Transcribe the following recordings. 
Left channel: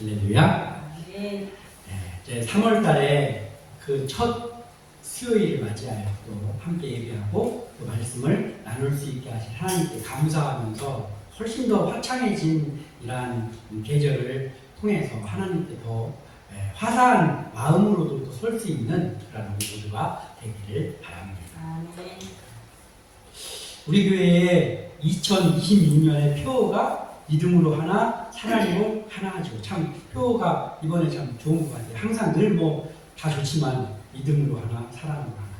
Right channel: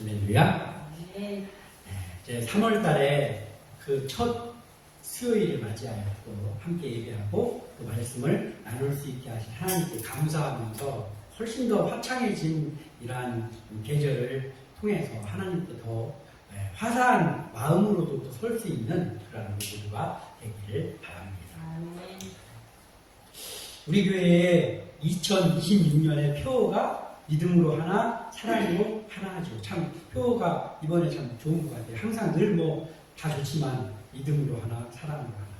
할렐루야. 네. 이제 3월 달에 그 첫 수요일을 맞이하여 또 함께 예배하고 또 말씀을 나눌 수 있게 하신 하나님께 감사하면서 훨씬 더 화창해진 이러한 계절을 통해서 하나님께 더 화사한 마음으로도 또 설 수 있는 그런 우리 모두가 되기를 바랍니다. 아멘. 우리 교회의 2026년의 표어가 믿음으로 하나, 사랑으로 하나죠. 참 표어가 이번에 참 좋은 것 같아요. 항상 늘 뭐 다 좋지만 믿음으로 하나, 사랑으로 하나.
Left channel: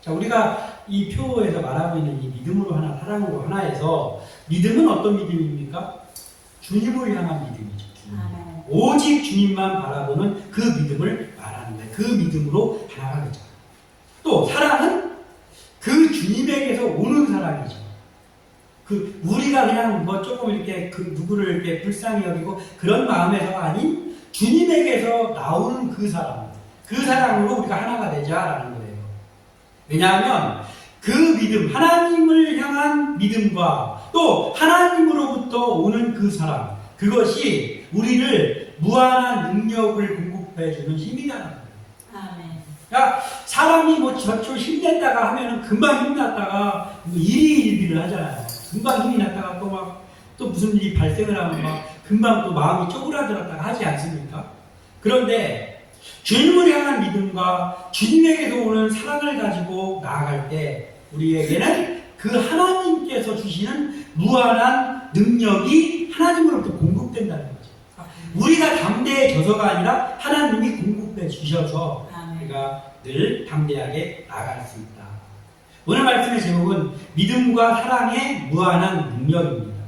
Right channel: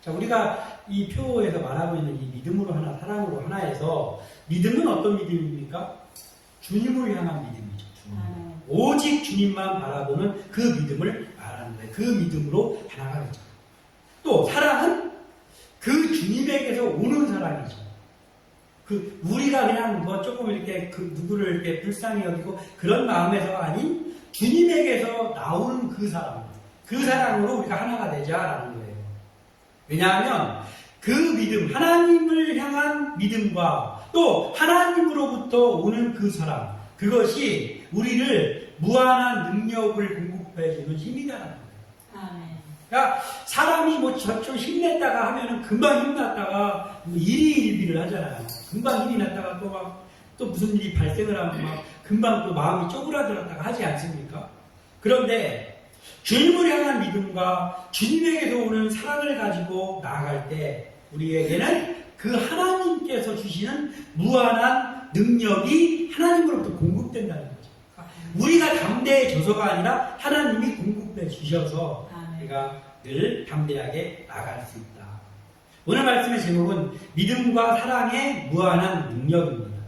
자, 우리가 이 표어에서 말하고 있는 이 믿음으로 하나, 사랑으로 하나에서 믿음은 어떤 믿음입니까? 주님을 향한 믿음이죠. 아멘. 오직 주님만 바라보는 그 믿음을 말하는데 그 믿음으로 하나가 되죠. 또 사랑은 그 주님에게서 오는 사랑이죠. 그 우리가 그냥 뭐 조금 이렇게 그 누구를 이렇게 불쌍히 여기고 그런 마음에서가 아닌 주님에게서 나오는 그 사랑, 그 사랑으로 우리가 하나가 되자라는 거예요. 왜냐하면 그 믿음, 하나님을 향한 믿음과 또 하나님으로부터 오는 그 사랑, 그것이 우리를 무한한 능력을 공급해주는 힘이라는 거예요. 아멘. 그러니까 사람이 뭐 저쪽 힘냈다가 하면은 금방 힘났다가 뭐 일희일비를 하잖아요. 금방 힘이 났다가 또 무슨 일이 발생을 하면 막 금방 또 마음이 쪼그라들었다가 하지 않습니까? 그런데 주님을 향한 믿음과 주님에게서 오는 사랑을 가지고 나아갈 때 우리에게는 그 하나님께서 주시는 무한한 능력이 하나님으로부터 공급된다는 거죠. 우리가 담대해져서가 아니라 하나님이 공급해 주셔서 우리가 늘 담대하게 나아갈 수 있다. 오늘 말씀의 제목은 믿음과 사랑의 무한한 능력입니다.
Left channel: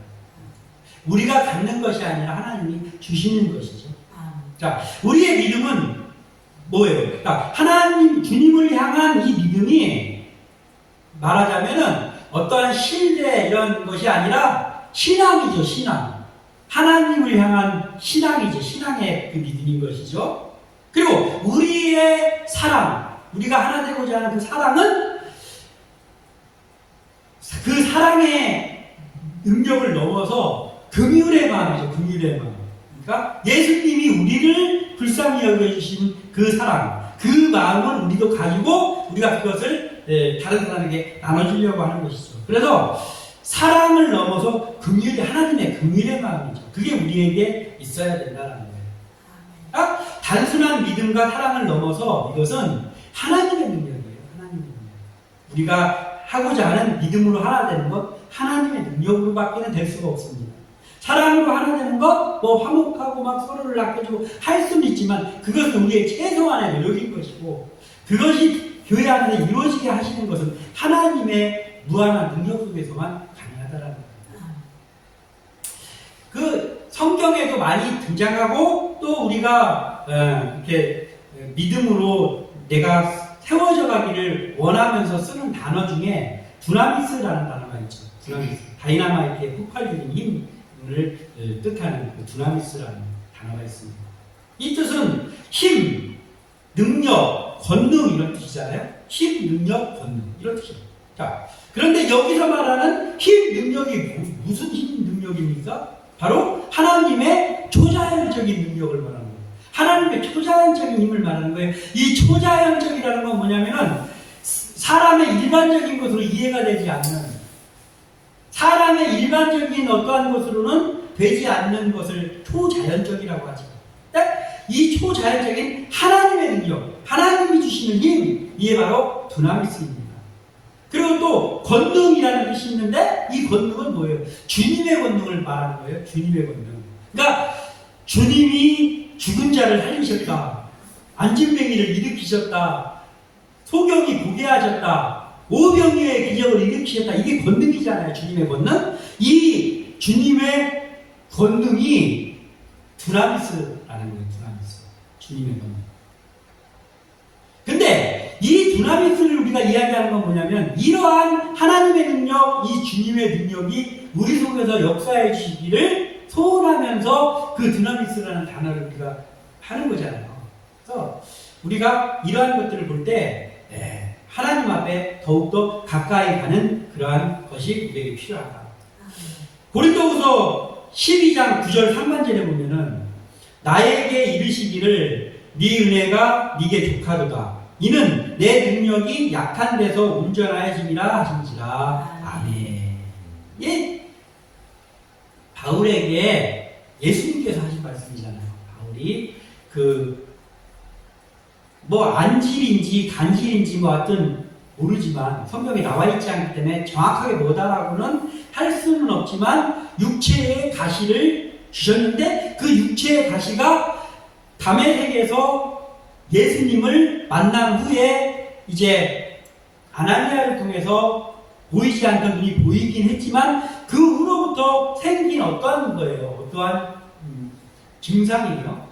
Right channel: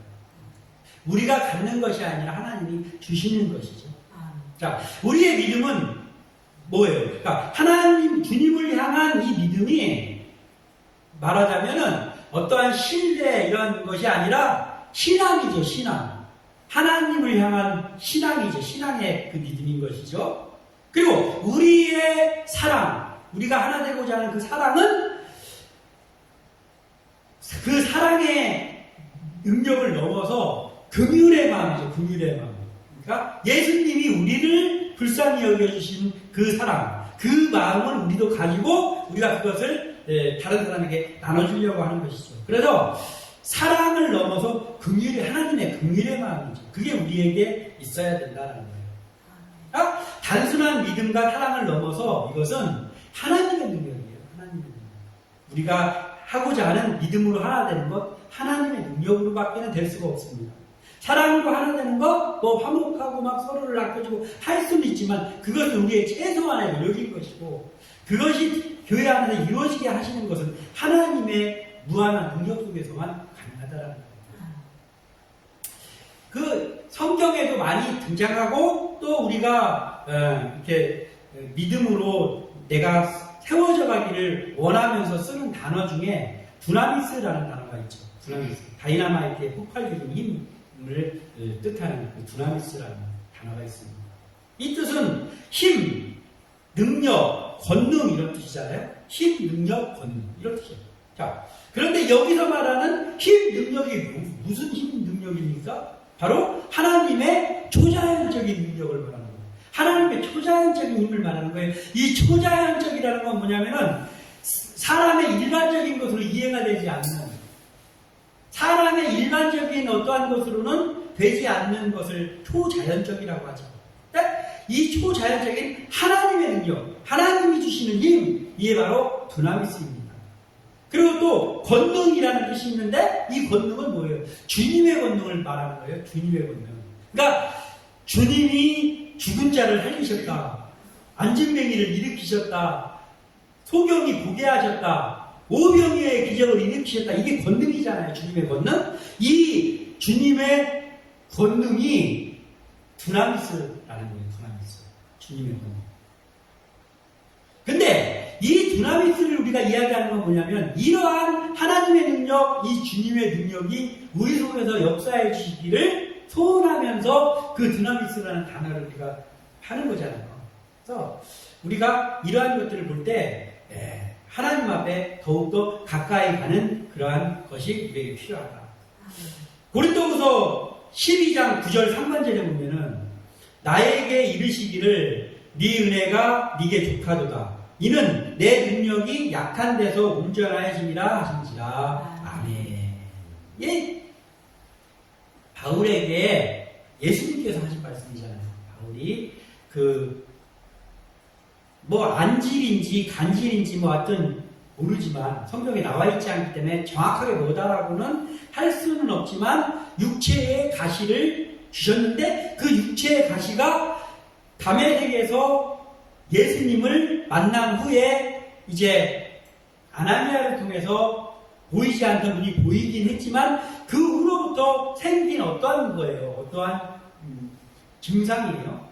우리가 갖는 것이 아니라 하나님이 주시는 것이죠. 자, 우리의 믿음은 뭐예요? 그러니까 하나님, 주님을 향한 이 믿음이 말하자면은 어떠한 신뢰 이런 것이 아니라 신앙이죠, 신앙. 하나님을 향한 신앙이죠, 신앙의 그 믿음인 것이죠. 그리고 우리의 사랑, 우리가 하나 되고자 하는 그 사랑은 그 사랑의 능력을 넘어서 긍휼의 마음이죠, 긍휼의 마음. 그러니까 예수님이 우리를 불쌍히 여겨주신 그 사랑, 그 마음을 우리도 가지고 우리가 그것을 다른 사람에게 나눠주려고 하는 것이죠. 그래서 사랑을 넘어서 긍휼의, 하나님의 긍휼의 마음이죠. 그게 우리에게 있어야 된다는 거예요. 그러니까 단순한 믿음과 사랑을 넘어서 이것은 하나님의 능력이에요. 하나님의 능력. 우리가 하고자 하는 믿음으로 하나 되는 것, 하나님의 능력으로밖에는 될 수가 없습니다. 사랑으로 하나 되는 것, 뭐 화목하고 막 서로를 아껴주고 할 수는 있지만 그것은 우리의 최소한의 노력인 것이고 그것이 교회 안에서 이루어지게 하시는 것은 하나님의 무한한 능력 속에서만 가능하다라는 겁니다. 그 성경에도 많이 등장하고 또 우리가 이렇게 믿음으로 내가 세워져 가기를 원하면서 쓰는 단어 중에 두나미스라는 단어가 있죠. 두나미스. 다이나마이트의 폭발적인 힘을 뜻하는 그 두나미스라는 단어가 있습니다. 이 뜻은 힘, 능력, 권능 이런 뜻이잖아요. 힘, 능력, 권능 이런 뜻이에요. 자, 그런데 여기서 말하는 힘, 능력이 무슨 힘, 능력입니까? 바로 하나님의 초자연적인 능력을 말하는 거예요. 하나님의 초자연적인 힘을 말하는 거예요. 이 초자연적이라는 건 뭐냐면은 사람의 일반적인 것으로 이해가 되지 않는, 사람의 일반적인 어떠한 것으로는 되지 않는 것을 초자연적이라고 하죠. 이 초자연적인 하나님의 능력, 하나님이 주시는 힘, 이게 바로 두나미스입니다. 그리고 또 권능이라는 뜻이 있는데 이 권능은 뭐예요? 주님의 권능을 말하는 거예요. 주님의 권능. 그러니까 주님이 죽은 자를 살리셨다. 안진뱅이를 일으키셨다. 소경이 보게 하셨다. 오병이어의 기적을 일으키셨다. 이게 권능이잖아요. 주님의 권능. 이 주님의 권능이 두나미스라는 거예요. 두나미스. 주님의 권능. 근데 이 두나미스를 우리가 이야기하는 건 뭐냐면 이러한 하나님의 능력, 이 주님의 능력이 우리 속에서 역사해 주시기를 소원하면서 그 두나미스라는 단어를 우리가 하는 거잖아요. 그래서 우리가 이러한 것들을 볼 때 하나님 앞에 더욱더 가까이 가는 그러한 것이 우리에게 필요하다. 고린도후서 12장 9절 상반절에 보면은 나에게 이르시기를 네 은혜가 네게 족하도다. 이는 내 능력이 약한 데서 온전하여짐이라 하신지라. 아멘. 예, 바울에게 예수님께서 하신 말씀이잖아요. 바울이 뭐 안질인지 간질인지 뭐 하여튼 모르지만 성경에 나와 있지 않기 때문에 정확하게 뭐다라고는 할 수는 없지만 육체의 가시를 주셨는데 그 육체의 가시가 담에색에서 예수님을 만난 후에 이제 아나니아를 통해서 보이지 않던 눈이 보이긴 했지만 그 후로부터 생긴 어떠한 거예요. 어떠한 증상이에요.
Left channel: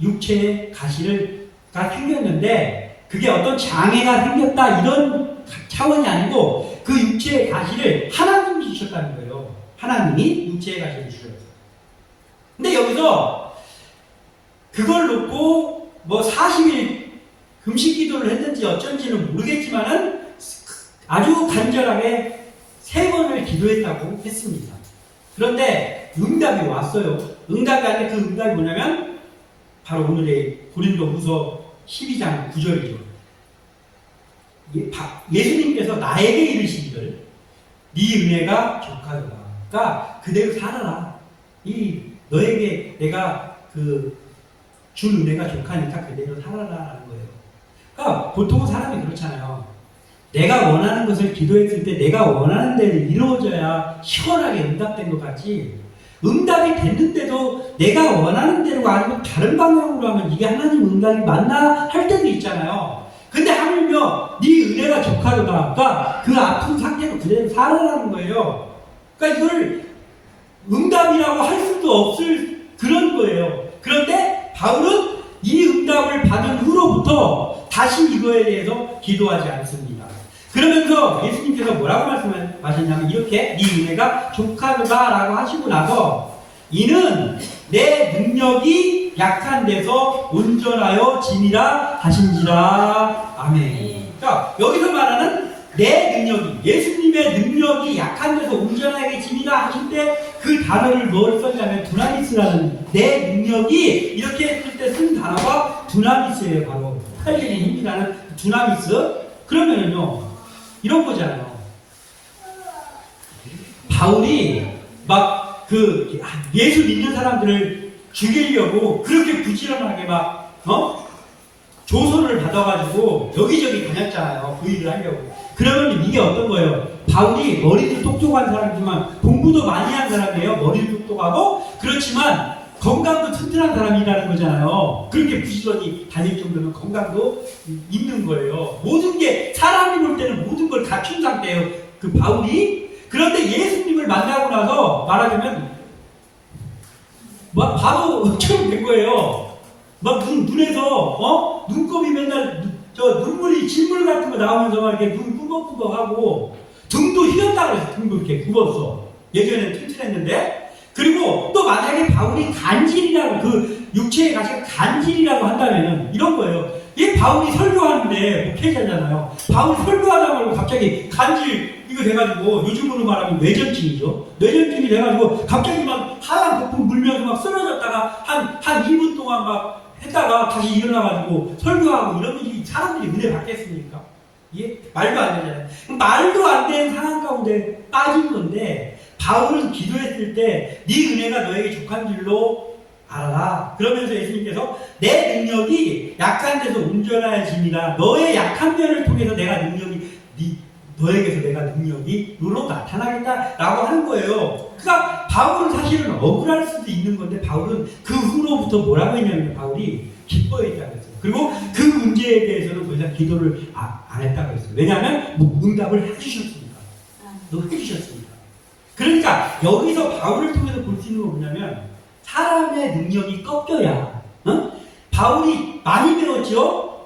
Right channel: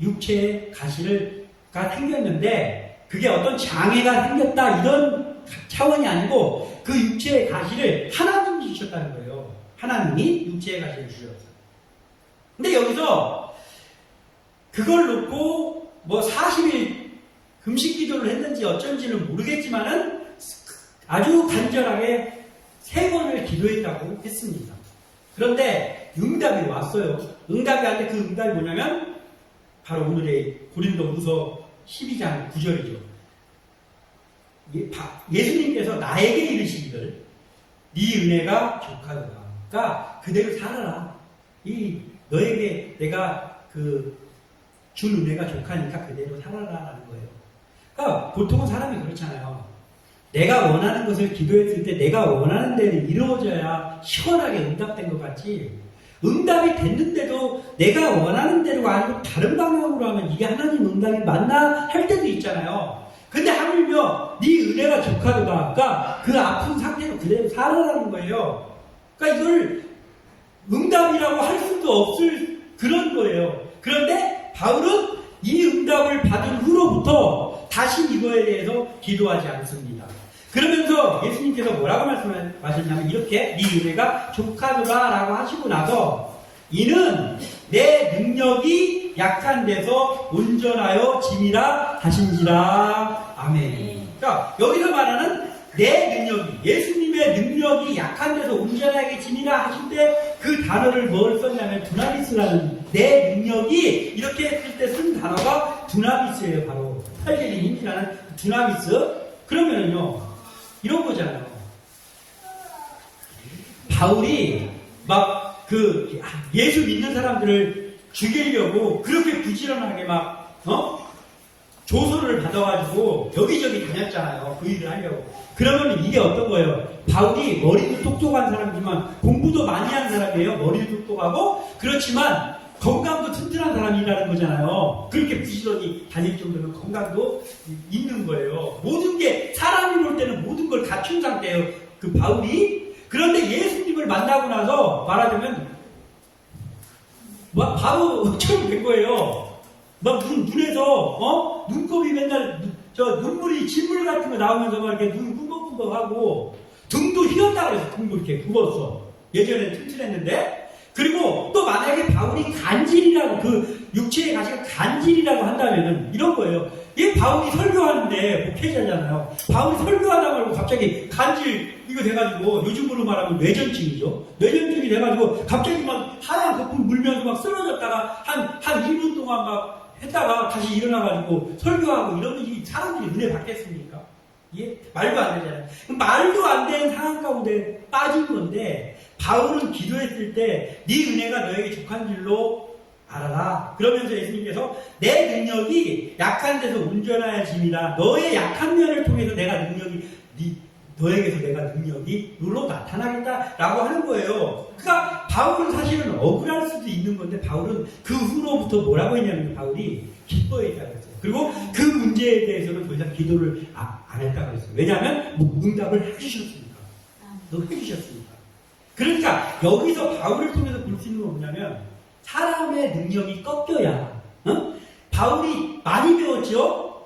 육체의 가시가 생겼는데 그게 어떤 장애가 생겼다 이런 차원이 아니고 그 육체의 가시를 하나님이 주셨다는 거예요. 하나님이 육체의 가시를 주셨어요. 근데 여기서 그걸 놓고 뭐 40일 금식 기도를 했는지 어쩐지는 모르겠지만은 아주 간절하게 3번을 기도했다고 했습니다. 그런데 응답이 왔어요. 응답이 왔는데 그 응답이 뭐냐면 바로 오늘의 고린도후서 12장 9절이죠. 예수님께서 나에게 이르시기를 네 은혜가 족하도다. 그러니까 그대로 살아라. 너에게 내가 준 은혜가 족하니까 그대로 살아라라는 거예요. 그러니까 보통은 사람이 그렇잖아요. 내가 원하는 것을 기도했을 때 내가 원하는 대로 이루어져야 시원하게 응답된 것 같지, 응답이 됐는데도 내가 원하는 대로가 아니고 다른 방향으로 하면 이게 하나님 응답이 맞나 할 때도 있잖아요. 근데 하물며 네 은혜가 족하도다. 그러니까 그 아픈 상태로 그대로 살아라는 거예요. 그러니까 이걸 응답이라고 할 수도 없을 그런 거예요. 그런데 바울은 이 응답을 받은 후로부터 다시 이거에 대해서 기도하지 않습니다. 그러면서 예수님께서 뭐라고 말씀하셨냐면 이렇게 네 은혜가 족하도다라고 하시고 나서 이는 내 능력이 약한 데서 온전하여 짐이라 하신지라. 아멘. 그러니까 여기서 말하는 내 능력이, 예수님의 능력이 약한 데서 온전하게 짐이라 하실 때 그 단어를 뭘 썼냐면 두나미스라는, 내 능력이 이렇게 했을 때 쓴 단어가 두나미스예요. 바로 팔리는 힘이라는 두나미스. 그러면은요 이런 거잖아요. 바울이 막 예수 믿는 사람들을 죽이려고 그렇게 부지런하게 조서를 받아가지고 여기저기 다녔잖아요. 그 일을 하려고. 그러면 이게 어떤 거예요? 바울이 머리도 똑똑한 사람이지만 공부도 많이 한 사람이에요. 머리도 똑똑하고 그렇지만 건강도 튼튼한 사람이라는 거잖아요. 그렇게 부지런히 다닐 정도면 건강도 있는 거예요. 모든 게 사람이 볼 때는 모든 걸 갖춘 상태예요. 그 바울이. 그런데 예수님을 만나고 나서 말하자면 바보처럼 된 거예요. 눈에서 눈곱이 맨날 눈물이 진물 같은 거 나오면서 막 이렇게 눈 꾸벅꾸벅하고 등도 휘었다 그래서 등도 이렇게 굽었어. 예전에는 튼튼했는데. 그리고 또 만약에 바울이 간질이라고, 육체의 가시가 간질이라고 한다면은 이런 거예요. 이 바울이 설교하는데 목회자잖아요. 바울이 설교하다 말고 갑자기 간질 이거 돼가지고 요즘으로 말하면 뇌전증이죠. 뇌전증이 돼가지고 갑자기 막 하얀 거품 물면서 막 쓰러졌다가 한 2분 동안 막 했다가 다시 일어나가지고 설교하고 이러면 이 사람들이 은혜 받겠습니까? 이게 말도 안 되잖아요. 말도 안 되는 상황 가운데 빠진 건데 바울은 기도했을 때 네 은혜가 너에게 족한 줄로 알아라. 그러면서 예수님께서 내 능력이 약한 데서 온전하여짐이라, 너의 약한 면을 통해서 내가 능력이 너에게서 내가 능력이 너로 나타나겠다라고 하는 거예요. 그러니까 바울은 사실은 억울할 수도 있는 건데 바울은 그 후로부터 뭐라고 했냐면 바울이 기뻐했다고 했어요. 그리고 그 문제에 대해서는 더 이상 기도를 안 했다고 했어요. 왜냐하면 응답을 해주셨으니까. 해주셨으니까. 그러니까 여기서 바울을 통해서 볼 수 있는 건 뭐냐면 사람의 능력이 꺾여야, 바울이 많이 배웠죠?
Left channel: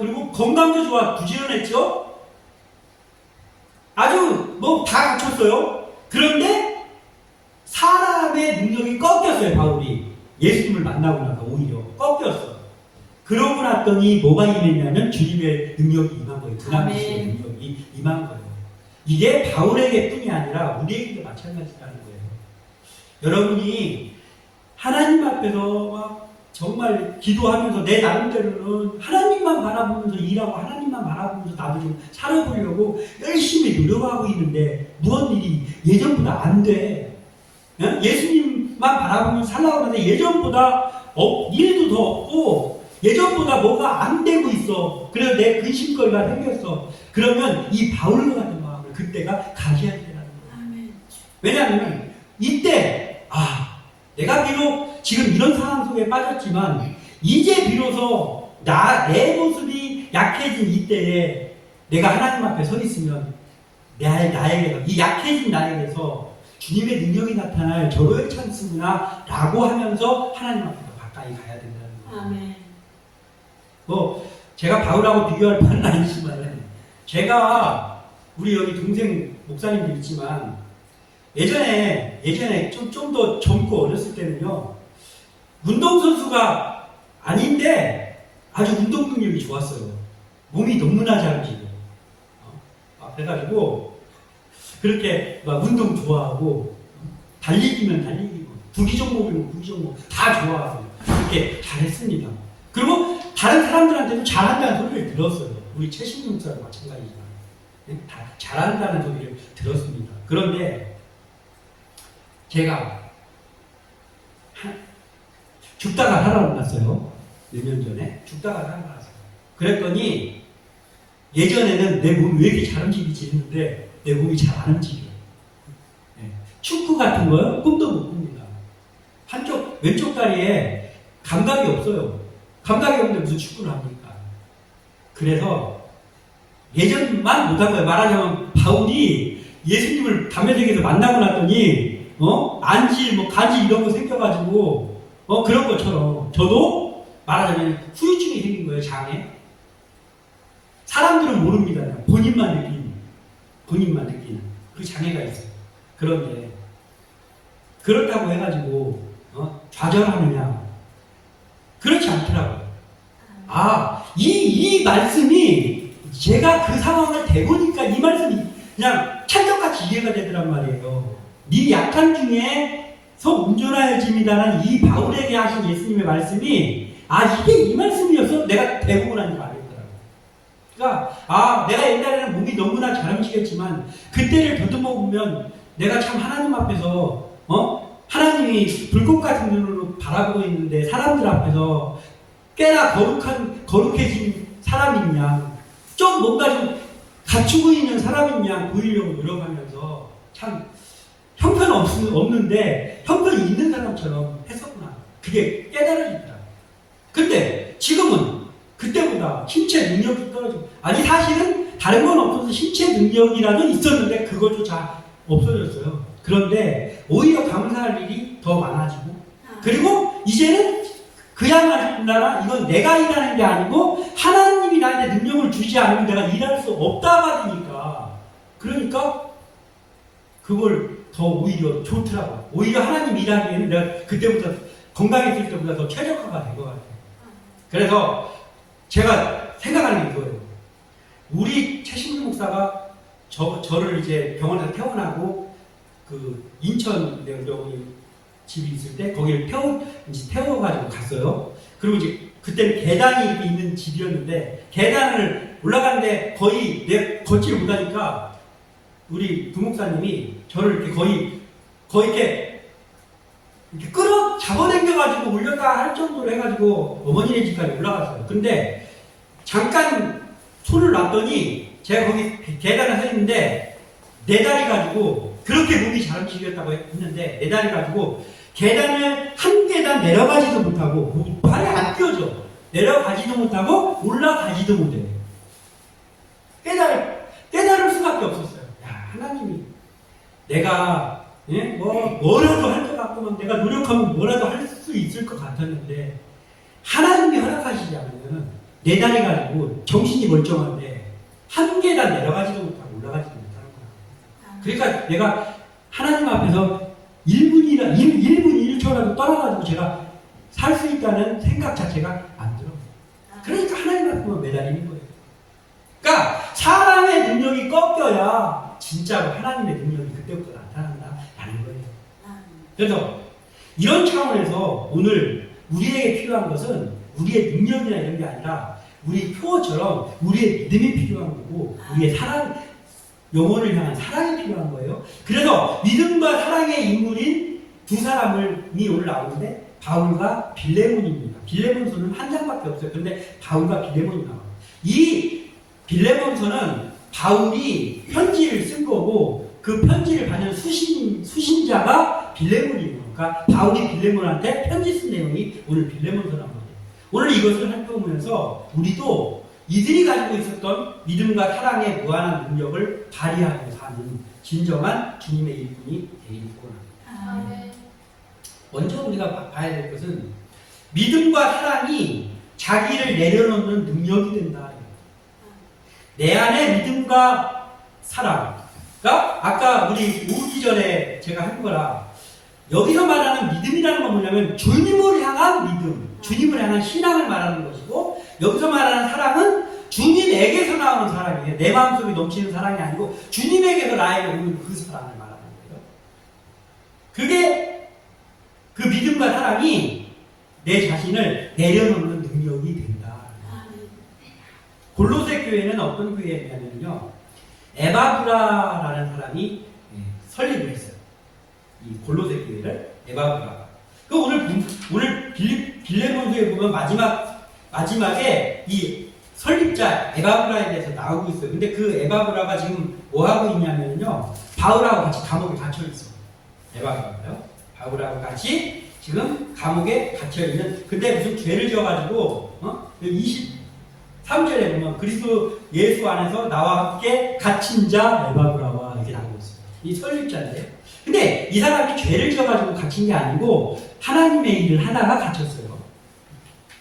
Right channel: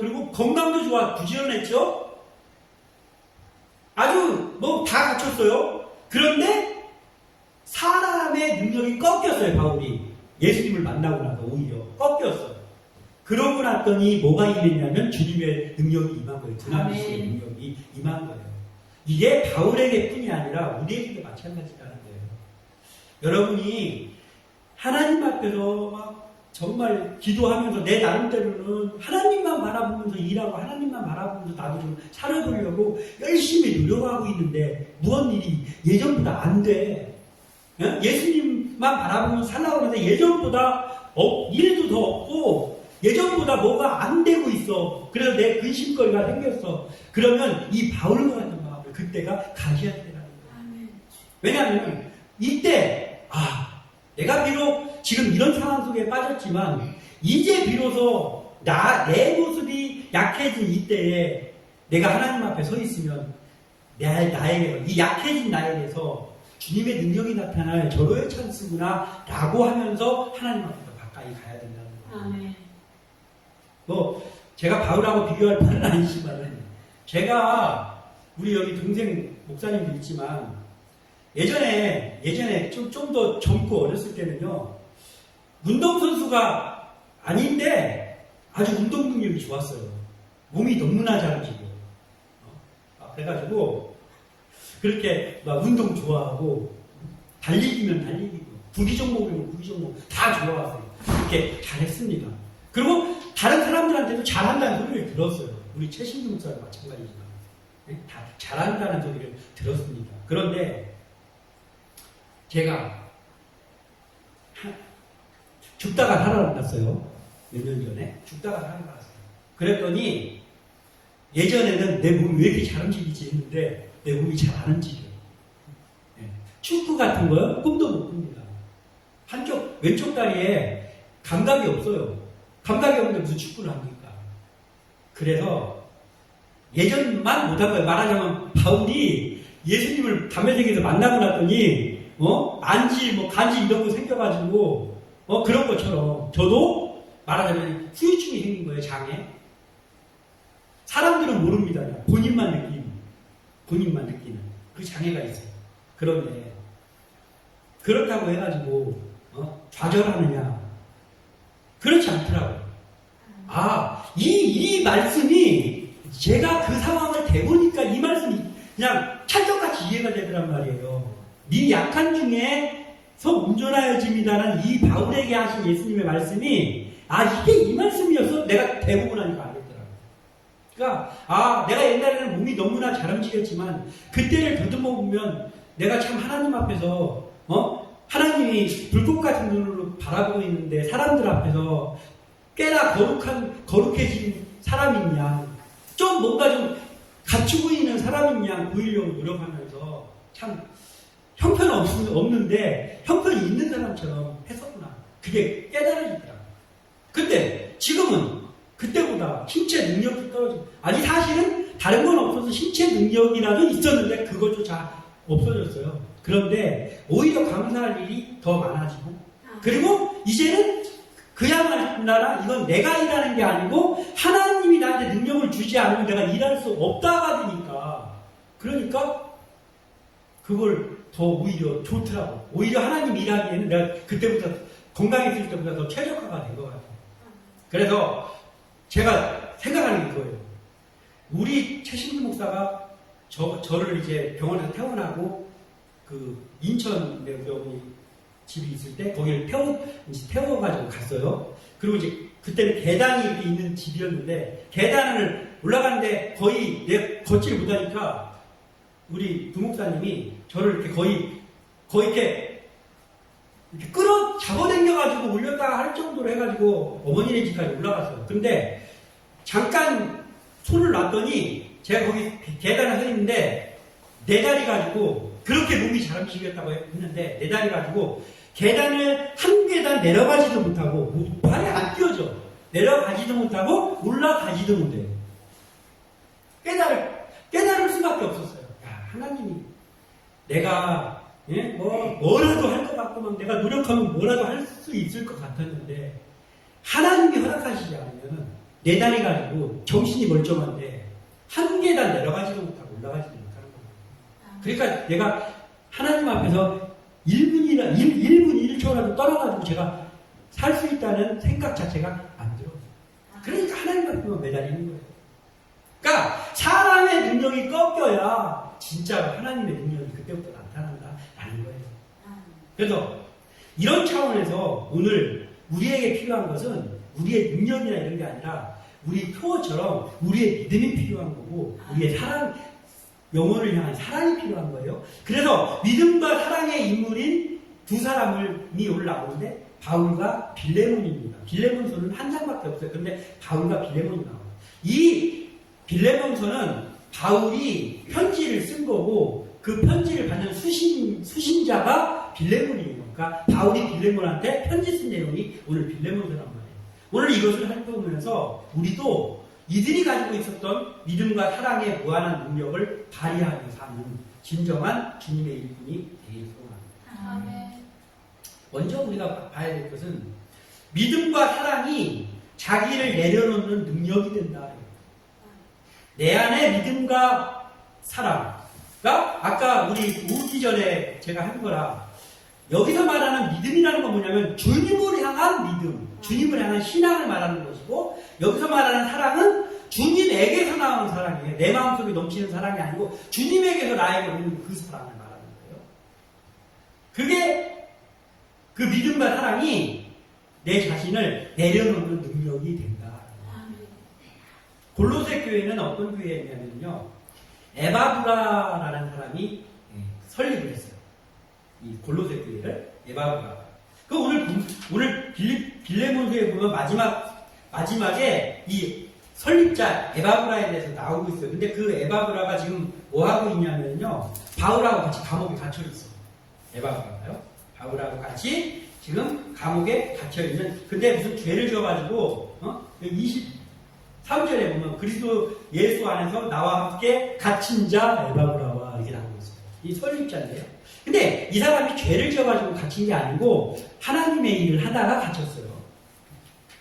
그리고 건강도 좋아, 부지런했죠? 아주 다 갖췄어요. 그런데 사람의 능력이 꺾였어요. 바울이 예수님을 만나고 나서 오히려 꺾였어. 그러고 났더니 뭐가 임했냐면 주님의 능력이 임한 거예요. 두나미스의 능력이 임한 거예요. 이게 바울에게 뿐이 아니라 우리에게도 마찬가지라는 거예요. 여러분이 하나님 앞에서 막 정말 기도하면서 내 나름대로는 하나님만 바라보면서 일하고 하나님만 바라보면서 나도 좀 살아보려고 열심히 노력하고 있는데 무슨 일이 예전보다 안 돼. 예수님만 바라보면서 살라고 하는데 예전보다 일도 더 없고 예전보다 뭐가 안 되고 있어. 그래서 내 근심거리가 생겼어. 그러면 이 바울과 같은 마음을 그때가 가져야 되라는 거야. 왜냐하면 이때 내가 비록 지금 이런 상황 속에 빠졌지만 이제 비로소 내 모습이 약해진 이때에 내가 하나님 앞에 서 있으면 나에게서 이 약해진 나에게서 주님의 능력이 나타날 절호의 찬스구나 라고 하면서 하나님 앞에서 가까이 가야 된다는 거예요. 아멘. 제가 바울하고 비교할 바는 아니지만 제가 우리 여기 동생 목사님도 있지만 예전에 좀 더 젊고 어렸을 때는요 운동선수가 아닌데 아주 운동 능력이 좋았어요. 몸이 너무나 잘 움직여요. 그래가지고 그렇게 막 운동 좋아하고 달리기면 달리기고 구기 종목이면 구기 종목 다 좋아하고 이렇게 잘했습니다. 그리고 다른 사람들한테도 잘한다는 소리를 들었어요. 우리 최신종 목사랑 마찬가지지만 다 잘한다는 소리를 들었습니다. 그런데 제가 죽다가 살아났어요. 몇 년 전에 죽다가 살아났어요. 그랬더니 예전에는 내 몸이 왜 이렇게 잘 움직이지 했는데 내 몸이 잘 안 움직여요. 축구 같은 거요? 꿈도 못 꿉니다. 한쪽 왼쪽 다리에 감각이 없어요. 감각이 없는데 무슨 축구를 합니까? 그래서 예전만 못한 거예요. 말하자면 바울이 예수님을 담에색에서 만나고 났더니 안질, 간질 이런 거 생겨가지고 그런 것처럼 저도 말하자면 후유증이 생긴 거예요. 장애. 사람들은 모릅니다. 본인만 느끼는 그 장애가 있어요. 그런데 그렇다고 해가지고 좌절하느냐? 그렇지 않더라고요. 이 말씀이 제가 그 상황을 대보니까 이 말씀이 그냥 찰떡같이 이해가 되더란 말이에요. 네 약한 중에서 운전하여집니다라는 이 바울에게 하신 예수님의 말씀이 이게 이 말씀이었어? 내가 대보고 나니까 알겠더라고요. 그러니까 내가 옛날에는 몸이 너무나 잘 움직였지만 그때를 더듬어 보면 내가 참 하나님 앞에서 하나님이 불꽃 같은 눈으로 바라보고 있는데 사람들 앞에서 꽤나 거룩해진 사람이냐 좀 뭔가 좀 갖추고 있는 사람이냐 보이려고 노력하면서 참 형편 없는데 형편이 있는 사람처럼 했었구나. 그게 깨달아지더라. 근데 지금은 그때보다 신체 능력이 떨어지고 사실은 다른 건 없어서 신체 능력이라도 있었는데 그것조차 없어졌어요. 그런데 오히려 감사할 일이 더 많아지고 그리고 이제는 그야말로 이건 내가 일하는 게 아니고 하나님이 나한테 능력을 주지 않으면 내가 일할 수 없다가 되니까 그러니까 그걸 더 오히려 좋더라고. 오히려 하나님 일하기에는 내가 그때부터 건강했을 때보다 더 최적화가 된 것 같아요. 그래서 제가 생각하는 게 이거예요. 우리 최신주 목사가 저를 이제 병원에서 퇴원하고 그 인천에 우리 어머니 집이 있을 때 거기를 태워가지고 갔어요. 그리고 이제 그때는 계단이 이렇게 있는 집이었는데 계단을 올라가는데 거의 내 걷지를 못하니까 우리 부목사님이 저를 이렇게 거의 이렇게 잡아당겨가지고 올렸다 할 정도로 해가지고 어머니네 집까지 올라갔어요. 근데 잠깐 손을 놨더니 제가 거기 계단에 서 있는데 네 다리 가지고 그렇게 몸이 잘 움직였다고 했는데 네 다리 가지고 계단을 한 계단 내려가지도 못하고 발이 안 뛰어져. 내려가지도 못하고 올라가지도 못해. 깨달을 수밖에 없었어요. 하나님이 내가 뭐라도 할 것 같구만. 내가 노력하면 뭐라도 할 수 있을 것 같았는데 하나님이 허락하시지 않으면 내 다리 가지고 정신이 멀쩡한데 한 계단 내려가지도 못하고 올라가지도 못하는 거야. 그러니까 내가 하나님 앞에서 1분 1초라도 떠나가지고 제가 살 수 있다는 생각 자체가 안 들어. 그러니까 하나님 앞에만 매달리는 거예요. 그러니까 사람의 능력이 꺾여야 진짜로 하나님의 능력이 그때부터 나타난다라는 거예요. 그래서 이런 차원에서 오늘 우리에게 필요한 것은 우리의 능력이나 이런 게 아니라 우리 표어처럼 우리의 믿음이 필요한 거고 우리의 사랑, 영혼을 향한 사랑이 필요한 거예요. 그래서 믿음과 사랑의 인물인 두 사람이 오늘 나오는데 바울과 빌레몬입니다. 빌레몬서는 한 장밖에 없어요. 그런데 바울과 빌레몬이 나와요. 이 빌레몬서는 바울이 편지를 쓴 거고 그 편지를 받은 수신자가 빌레몬이에요. 그러니까 바울이 빌레몬한테 편지 쓴 내용이 오늘 빌레몬서란 말이에요. 오늘 이것을 살펴보면서 우리도 이들이 가지고 있었던 믿음과 사랑의 무한한 능력을 발휘하며 사는 진정한 주님의 일꾼이 되길 소원합니다. 먼저 우리가 봐야 될 것은 믿음과 사랑이 자기를 내려놓는 능력이 된다. 내 안에 믿음과 사랑가 아까 우리 오기 전에 제가 한 거라 여기서 말하는 믿음이라는 건 뭐냐면 주님을 향한 믿음, 주님을 향한 신앙을 말하는 것이고 여기서 말하는 사랑은 주님에게서 나오는 사랑이에요. 내 마음속에 넘치는 사랑이 아니고 주님에게서 나에게 오는 그 사랑을 말하는 거예요. 그게 그 믿음과 사랑이 내 자신을 내려놓는 능력이 된다. 골로새 교회는 어떤 교회냐면요, 에바브라라는 사람이 설립을 했어요. 이 골로새 교회를 에바브라가. 그 오늘 빌레몬서에 보면 마지막에 이 설립자 에바브라에 대해서 나오고 있어요. 근데 그 에바브라가 지금 뭐 하고 있냐면요, 바울하고 같이 감옥에 갇혀 있어요. 에바브라가요. 바울하고 같이 지금 감옥에 갇혀 있는. 근데 무슨 죄를 지어가지고 23절에 보면 그리스도 예수 안에서 나와 함께 갇힌 자 에바브라와 이렇게 나오고 있어요. 이 설립자인데. 근데 이 사람이 죄를 지어가지고 갇힌 게 아니고 하나님의 일을 하다가 갇혔어요.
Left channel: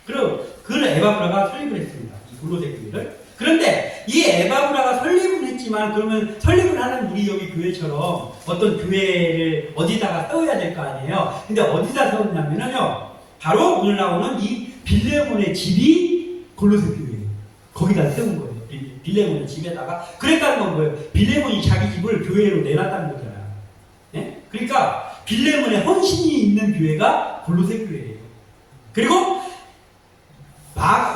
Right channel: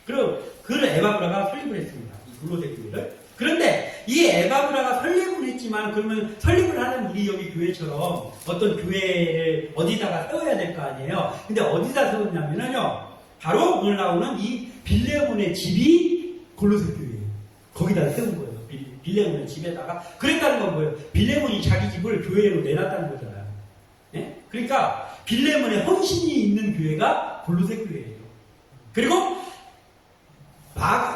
그리고 그 에바브라가 설립을 했습니다. 이 골로새 교회를. 그런데 이 에바브라가 설립을 했지만 그러면 설립을 하는 우리 여기 교회처럼 어떤 교회를 어디다가 세워야 될 거 아니에요. 근데 어디다 세웠냐면요, 바로 오늘 나오는 이 빌레몬의 집이 골로새 교회예요. 거기다 세운 거예요. 빌레몬의 집에다가. 그랬다는 건 뭐예요? 빌레몬이 자기 집을 교회로 내놨다는 거잖아요. 네? 그러니까 빌레몬의 헌신이 있는 교회가 골로새 교회예요. 그리고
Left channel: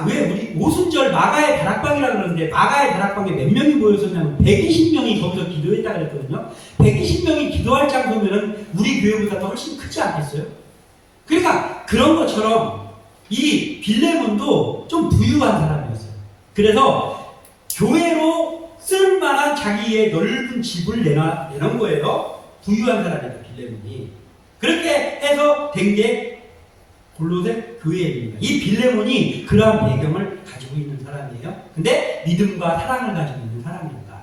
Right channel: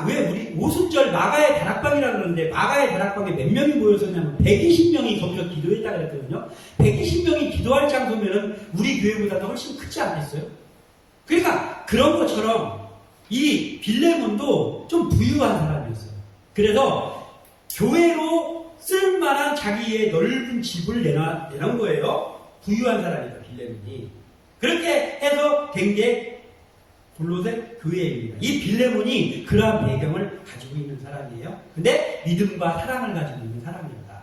왜 우리 오순절 마가의 다락방이라고 그러는데 마가의 다락방에 몇 명이 모였었냐면 120명이 거기서 기도했다 그랬거든요. 120명이 기도할 장소면 우리 교회보다 더 훨씬 크지 않겠어요? 그러니까 그런 것처럼 이 빌레몬도 좀 부유한 사람이었어요. 그래서 교회로 쓸만한 자기의 넓은 집을 내놓은 거예요. 부유한 사람이었어요, 빌레몬이. 그렇게 해서 된 게 골로새 교회입니다. 이 빌레몬이 그러한 배경을 가지고 있는 사람이에요. 근데 믿음과 사랑을 가지고 있는 사람입니다.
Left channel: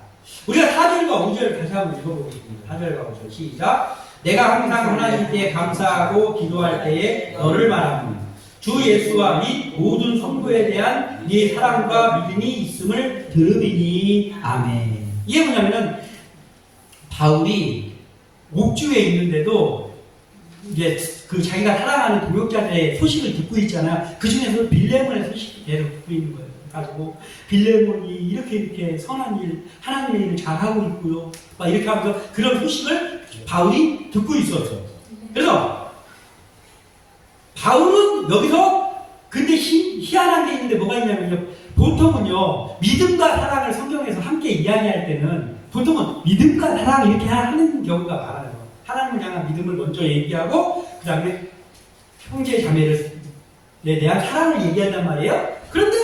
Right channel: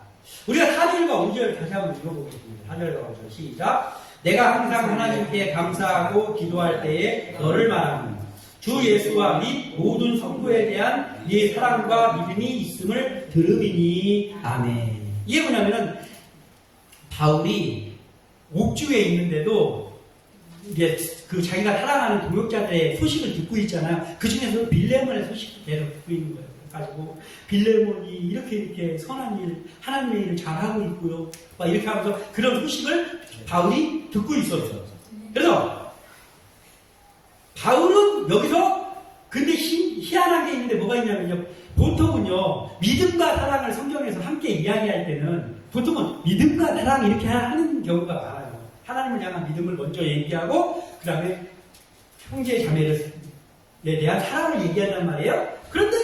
우리가 4절과 5절 다시 한번 읽어보겠습니다. 4절과 5절 시작. 내가 항상 하나님께 감사하고 기도할 때에 너를 말합니다. 주 예수와 및 모든 성도에 대한 네 사랑과 믿음이 있음을 들음이니 아멘. 이게 뭐냐면은 바울이 옥주에 있는데도 이제 그 자기가 사랑하는 동역자들의 소식을 듣고 있잖아요. 그 중에서 빌레몬의 소식을 계속 듣고 있는 거예요. 가지고 빌레몬이 이렇게 선한 일, 하나님의 일을 잘 하고 있고요. 막 이렇게 하면서 그런 소식을 바울이 듣고 있었죠. 그래서 바울은 여기서 근데 희한한 게 있는데 뭐가 있냐면요. 보통은요, 믿음과 사랑을 성경에서 함께 이야기할 때는 보통은 믿음과 사랑 이렇게 하는 경우가 많아요. 하나님을 향한 믿음을 먼저 얘기하고 그 다음에 형제 자매에 대한 사랑을 얘기한단 말이에요. 그런데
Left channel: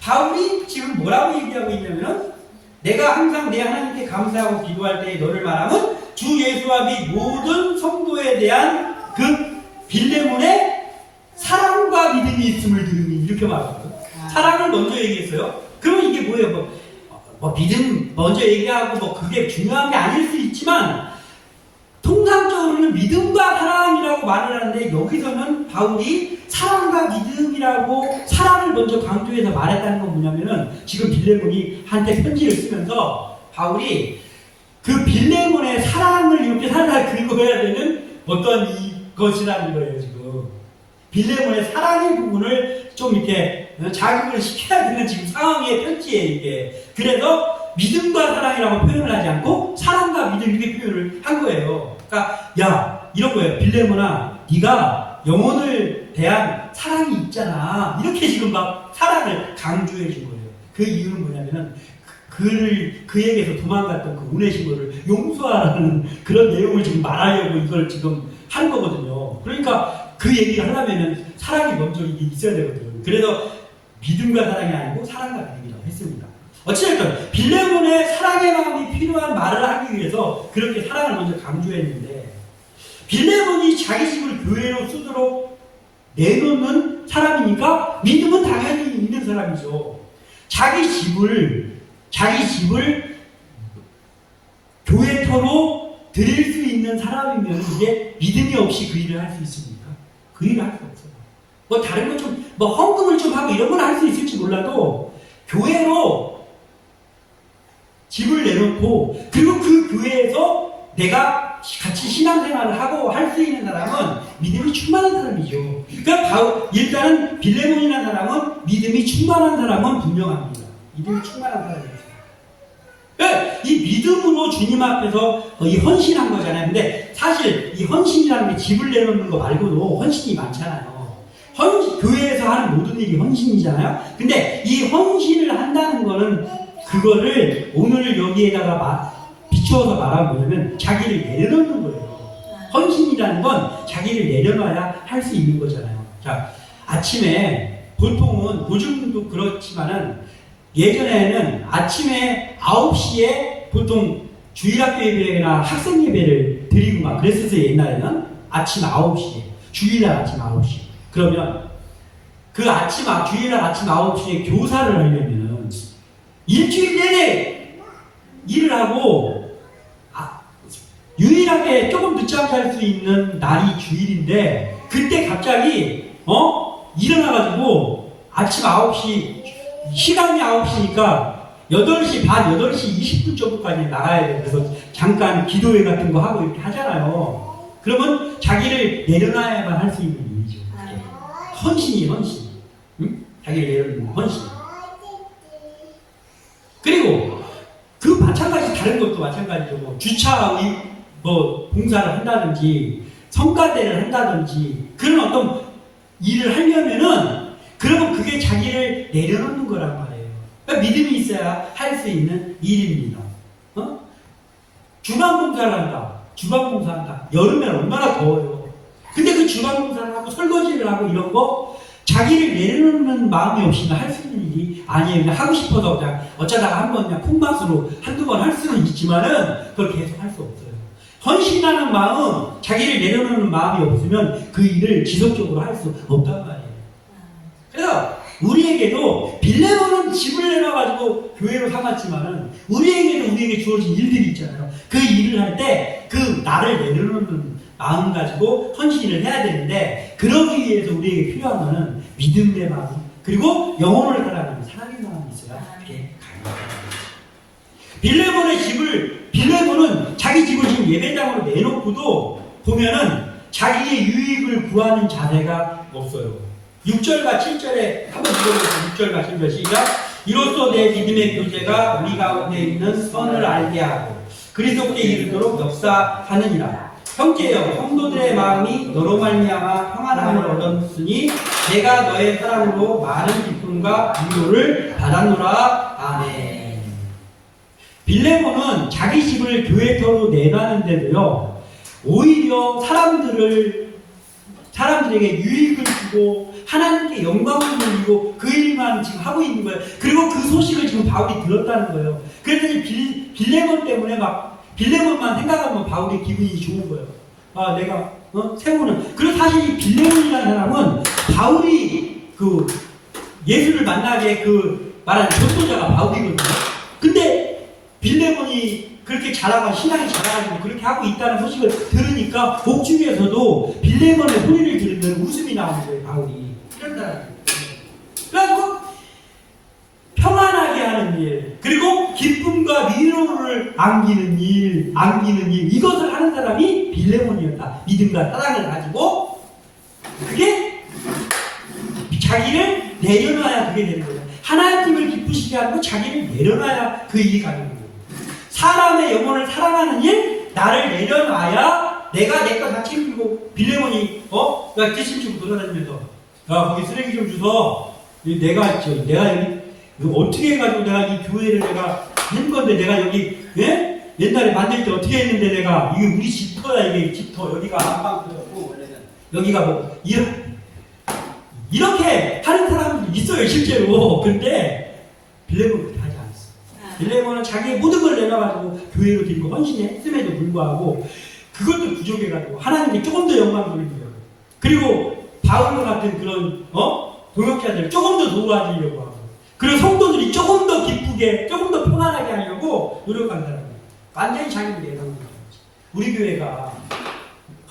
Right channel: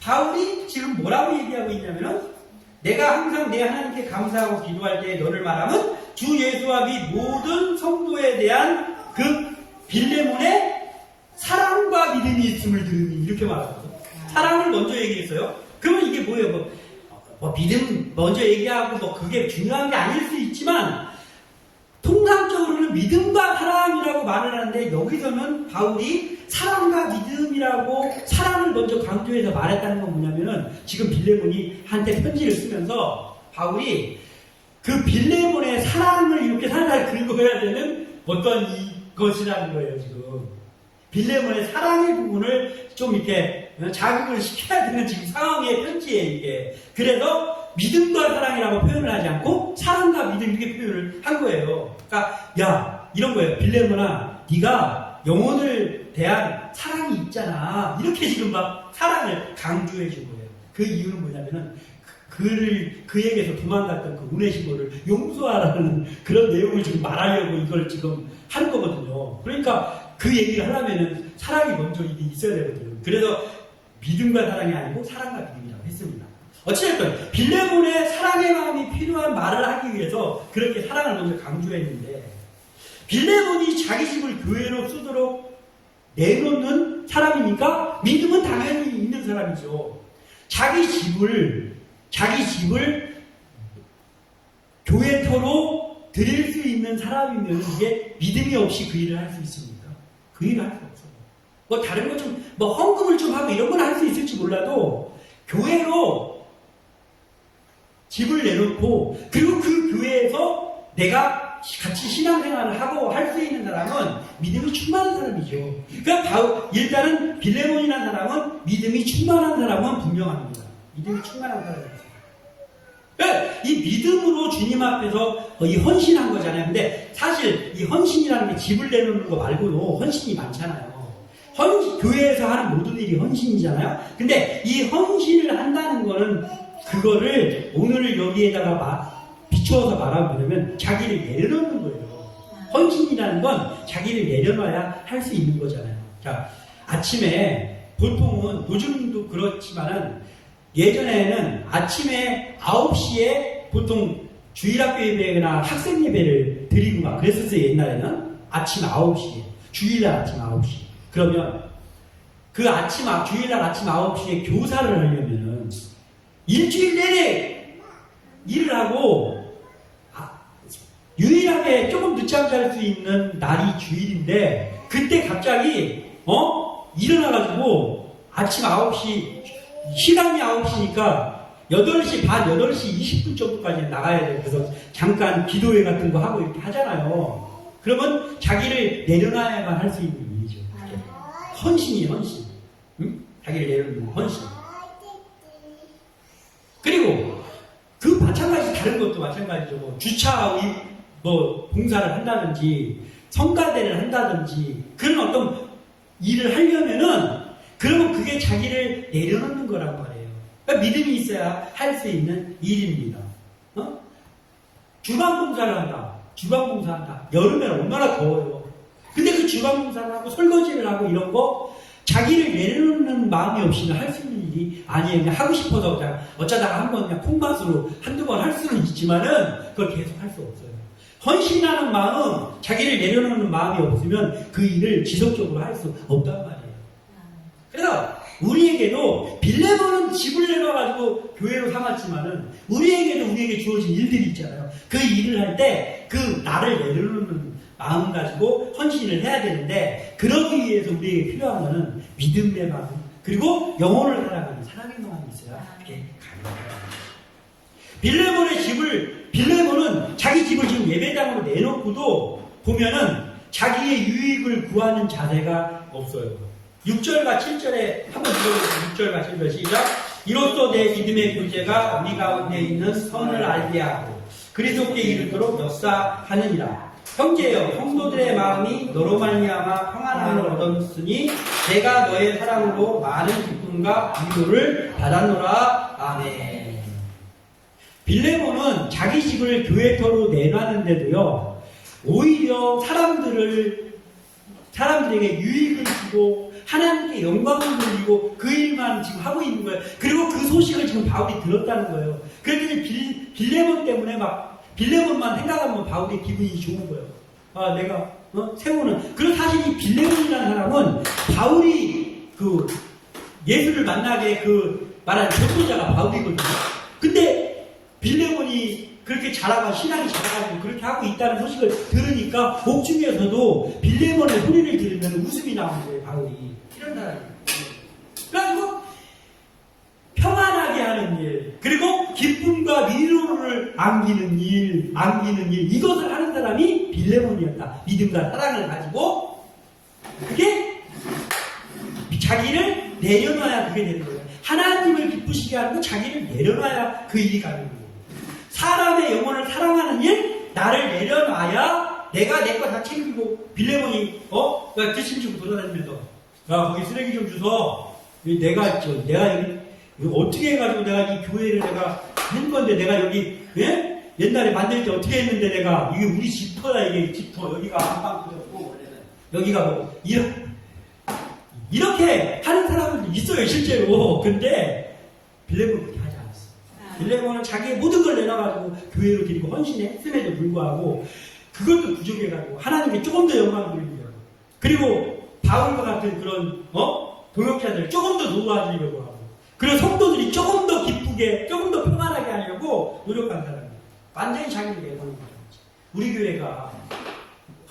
바울이 지금 뭐라고 얘기하고 있냐면은 내가 항상 내 하나님께 감사하고 기도할 때 너를 말하면 주 예수와 및 모든 성도에 대한 그 빌레몬의 사랑과 믿음이 있음을 들으니 이렇게 말하거든요. 사랑을 먼저 얘기했어요. 그러면 이게 뭐예요? 믿음 먼저 얘기하고 그게 중요한 게 아닐 수 있지만 통상적으로는 믿음과 사랑이라고 말을 하는데 여기서는 바울이 사랑과 믿음이라고 사랑을 먼저 강조해서 말했다는 건 뭐냐면은 지금 빌레몬이 한테 편지를 쓰면서 바울이 그 빌레몬의 사랑을 이렇게 살살 긁어야 되는 어떤 것이라는 거예요. 지금 빌레몬의 사랑의 부분을 좀 이렇게 자극을 시켜야 되는 지금 상황의 편지예요, 이게. 그래서 믿음과 사랑이라고 표현을 하지 않고 사랑과 믿음 이렇게 표현을 한 거예요. 그러니까 이런 거예요. 빌레몬아, 네가 영혼을 대한 사랑이 있잖아. 이렇게 지금 막 사랑을 강조해 준 거예요. 그 이유는 뭐냐면은 그에게서 도망갔던 그 오네시모를 용서하라는 그런 내용을 지금 말하려고 이걸 지금 하는 거거든요. 그러니까 그 얘기를 하려면은 사랑이 먼저 있어야 되거든. 그래서 믿음과 사랑이 아니고 사랑과 믿음이라고 했습니다. 어찌됐든 빌레몬의 사랑의 마음이 필요한 말을 하기 위해서 그렇게 사랑을 먼저 강조했는데, 빌레몬이 자기 집을 교회로 쓰도록 내놓는 사람이니까 믿음은 당연히 있는 사람이죠. 자기 집을 교회터로 드릴 수 있는 사람이면 이게 믿음이 없이 그 일을 할 수 있습니까? 그 일을 할 수 없어요. 뭐 다른 거 좀, 뭐 헌금을 좀 하고 이런 건 할 수 있을지 몰라도 교회로 집을 내놓고 그리고 그 교회에서 내가 같이 신앙생활을 하고 할 수 있는 사람은 믿음이 충만한 사람이죠. 그러니까 일단은 빌레몬이라는 사람은 믿음이 충만한 사람은 분명합니다. 믿음이 충만한 사람이에요. 그러니까 이 믿음으로 주님 앞에서 이 헌신한 거잖아요. 근데 사실 이 헌신이라는 게 집을 내놓는 거 말고도 헌신이 많잖아요. 교회에서 하는 모든 일이 헌신이잖아요. 근데 이 헌신을 한다는 거는 그거를 오늘 여기에다가 비추어서 말하면 뭐냐면 자기를 내려놓는 거예요. 헌신이라는 건 자기를 내려놔야 할 수 있는 거잖아요. 자, 아침에 보통은 요즘도 그렇지만은 예전에는 아침에 9시에 보통 주일학교 예배나 학생 예배를 드리고 막 그랬었어요. 옛날에는 아침 9시에 주일날 아침 9시. 그러면 그 주일날 아침 9시에 교사를 하려면 일주일 내내 일을 하고 유일하게 조금 늦잠 잘 수 있는 날이 주일인데 그때 갑자기 일어나가지고 아침 9시 시간이 9시니까 8시 반, 8시 20분 정도까지 나가야 돼요. 그래서 잠깐 기도회 같은 거 하고 이렇게 하잖아요. 그러면 자기를 내려놔야만 할 수 있는 일이죠. 헌신이에요, 헌신. 응? 자기를 내려놓는 헌신. 그리고 그 마찬가지 다른 것도 마찬가지죠. 뭐 주차 봉사를 한다든지 성가대를 한다든지 그런 어떤 일을 하려면은 그러면 그게 자기를 내려놓는 거란 말이에요. 그러니까 믿음이 있어야 할 수 있는 일입니다. 주방봉사를 한다. 주방봉사한다. 여름에는 얼마나 더워요. 근데 그 주방봉사를 하고 설거지를 하고 이런 거 자기를 내려놓는 마음이 없이는 할 수 있는 일이 아니에요. 그냥 하고 싶어서 그냥 어쩌다가 한번 그냥 콩맛으로 한두 번 할 수는 있지만은 그걸 계속 할 수 없어요. 헌신하는 마음, 자기를 내려놓는 마음이 없으면 그 일을 지속적으로 할 수 없단 말이에요. 그래서 우리에게도 빌레몬은 집을 내놔가지고 교회로 삼았지만은 우리에게 주어진 일들이 있잖아요. 그 일을 할 때 그 나를 내려놓는 마음 가지고 헌신을 해야 되는데 그러기 위해서 우리에게 필요한 것은 믿음의 마음 그리고 영혼을 사랑하는 사랑의 마음이 있어야 그렇게 가능합니다. 빌레몬은 자기 집을 지금 예배당으로 내놓고도 보면은 자기의 유익을 구하는 자세가 없어요. 6절과 7절에 한번 읽어보세요. 6절과 7절 시작. 이로써 내 믿음의 교제가 우리 가운데 있는 선을 알게 하고 그리스도께 이르도록 역사하느니라. 형제여, 성도들의 마음이 너로 말미암아 평안함을 얻었으니 내가 너의 사랑으로 많은 기쁨과 위로를 받았노라. 아멘. 빌레몬은 자기 집을 교회터로 내놨는데도요, 오히려 사람들에게 유익을 주고 하나님께 영광을 돌리고 그 일만 지금 하고 있는 거예요. 그리고 그 소식을 지금 바울이 들었다는 거예요. 그랬더니 빌레몬 때문에 빌레몬만 생각하면 바울이 기분이 좋은 거예요. 내가 세우는. 그리고 사실 이 빌레몬이라는 사람은 바울이 그 예수를 만나게 말한 전도자가 바울이거든요. 근데 빌레몬이 그렇게 자라가 신앙이 자라가지고 그렇게 하고 있다는 소식을 들으니까 옥중에서도 빌레몬의 소리를 들으면 웃음이 나오는 거예요. 바울이 이런 사람이에요. 그래가지고 평안하게 하는 일 그리고 기쁨과 위로를 안기는 일 이것을 하는 사람이 빌레몬이었다. 믿음과 사랑을 가지고 그게 자기를 내려놔야 그게 되는 거예요. 하나님을 기쁘시게 하고 자기를 내려놔야 그 일이 가는 거예요. 사람의 영혼을 사랑하는 일, 나를 내려놔야 내가 내 거 다 챙기고 빌레몬이 야, 뒷심지고 돌아다니면서, 야, 거기 쓰레기 좀 주서, 내가 여기, 이거 어떻게 해가지고 내가 이 교회를 내가 한 건데, 내가 여기, 예? 옛날에 만들 때 어떻게 했는데 내가, 이게 우리 집터야, 이게 집터. 여기가 안방터였고, 원래는. 여기가 뭐, 이렇게 하는 사람들이 있어요, 실제로. 근데, 빌레몬은 그렇게 하지 않았어. 빌레몬은 자기 모든 걸 내놔가지고, 교회로 드리고 헌신했음에도 불구하고, 그것도 부족해가지고, 하나님께 조금 더 영광 돌리고요. 그리고, 바울과 같은 그런, 동역자들을 조금 더 도와주려고 하고, 그리고 성도들이 조금 더 기쁘게, 조금 더 평안하게 하려고 노력한 사람이에요. 완전히 자기를 내놓는 거죠. 우리 교회가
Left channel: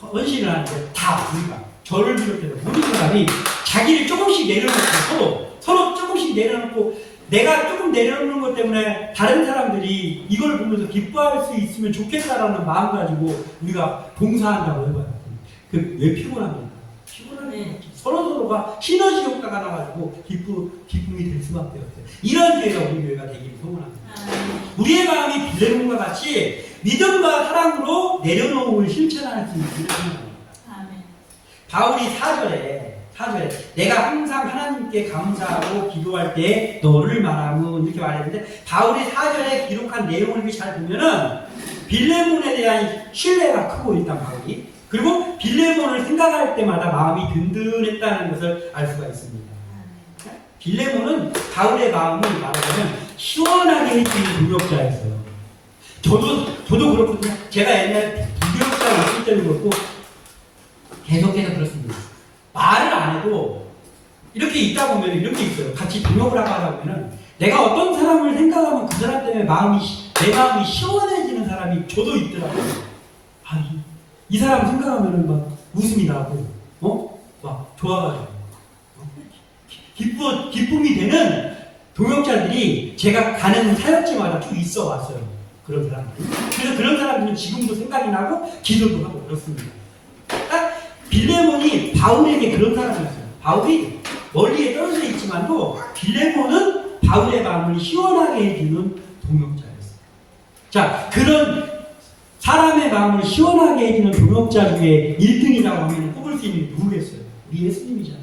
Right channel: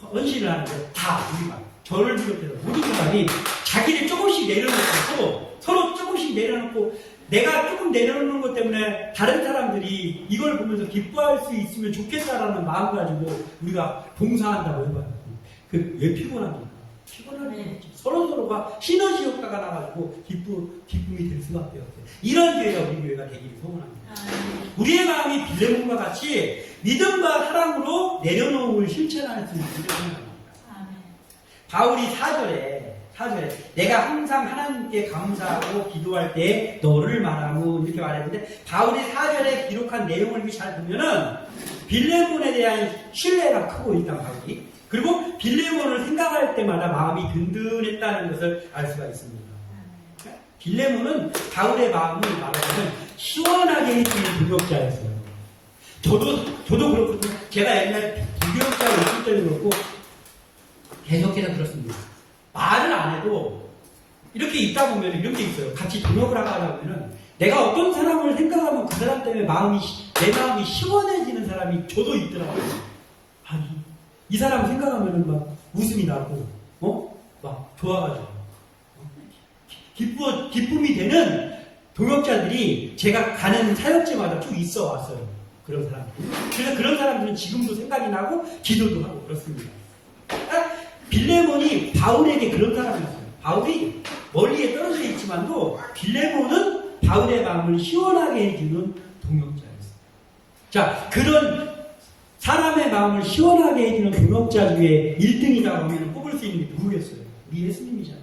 헌신을 하는데 다 우리가 저를 비롯해서 모든 사람이 자기를 조금씩 내려놓고 서로 조금씩 내려놓고 내가 조금 내려놓는 것 때문에 다른 사람들이 이걸 보면서 기뻐할 수 있으면 좋겠다라는 마음 가지고 우리가 봉사한다고 해봐요. 왜 피곤합니까? 피곤하네. 서로가 시너지 효과가 나가지고 기쁨이 될 수밖에 없어요. 이런 교회가 우리 교회가 되기를 소원합니다. 우리의 마음이 빌레몬과 같이 믿음과 사랑으로 내려놓음을 실천할 수 있기를 소원합니다. 바울이 4절에 내가 항상 하나님께 감사하고 기도할 때 너를 말하고 이렇게 말했는데 바울이 4절에 기록한 내용을 이렇게 잘 보면은 빌레몬에 대한 신뢰가 크고 일단 바울이 그리고 빌레몬을 생각할 때마다 마음이 든든했다는 것을 알 수가 있습니다. 빌레몬은 바울의 마음을 말하자면 시원하게 해주는 동역자였어요. 저도 그렇거든요. 제가 옛날 동역자가 있을 때도 그렇고 계속해서 그렇습니다. 말을 안 해도 이렇게 있다 보면 이런 게 있어요. 같이 동역을 하다 보면은 내가 어떤 사람을 생각하면 그 사람 때문에 내 마음이 시원해지는 사람이 저도 있더라고요. 이 사람 생각하면은 막 웃음이 나고, 막 좋아가지고, 기쁨이 되는 동역자들이 제가 가는 사역지마다 쭉 있어 왔어요. 그런 사람들. 그래서 그런 사람들은 지금도 생각이 나고, 기도도 하고 그렇습니다. 빌레몬이 바울에게 그런 사람이었어요. 바울이 멀리에 떨어져 있지만도 빌레몬은 바울의 마음을 시원하게 해주는 동역자였어요. 자, 그런 사람의 마음을 시원하게 해주는 동역자 중에 1등이라고 하면 꼽을 수 있는 누구겠어요? 우리 예수님이잖아요.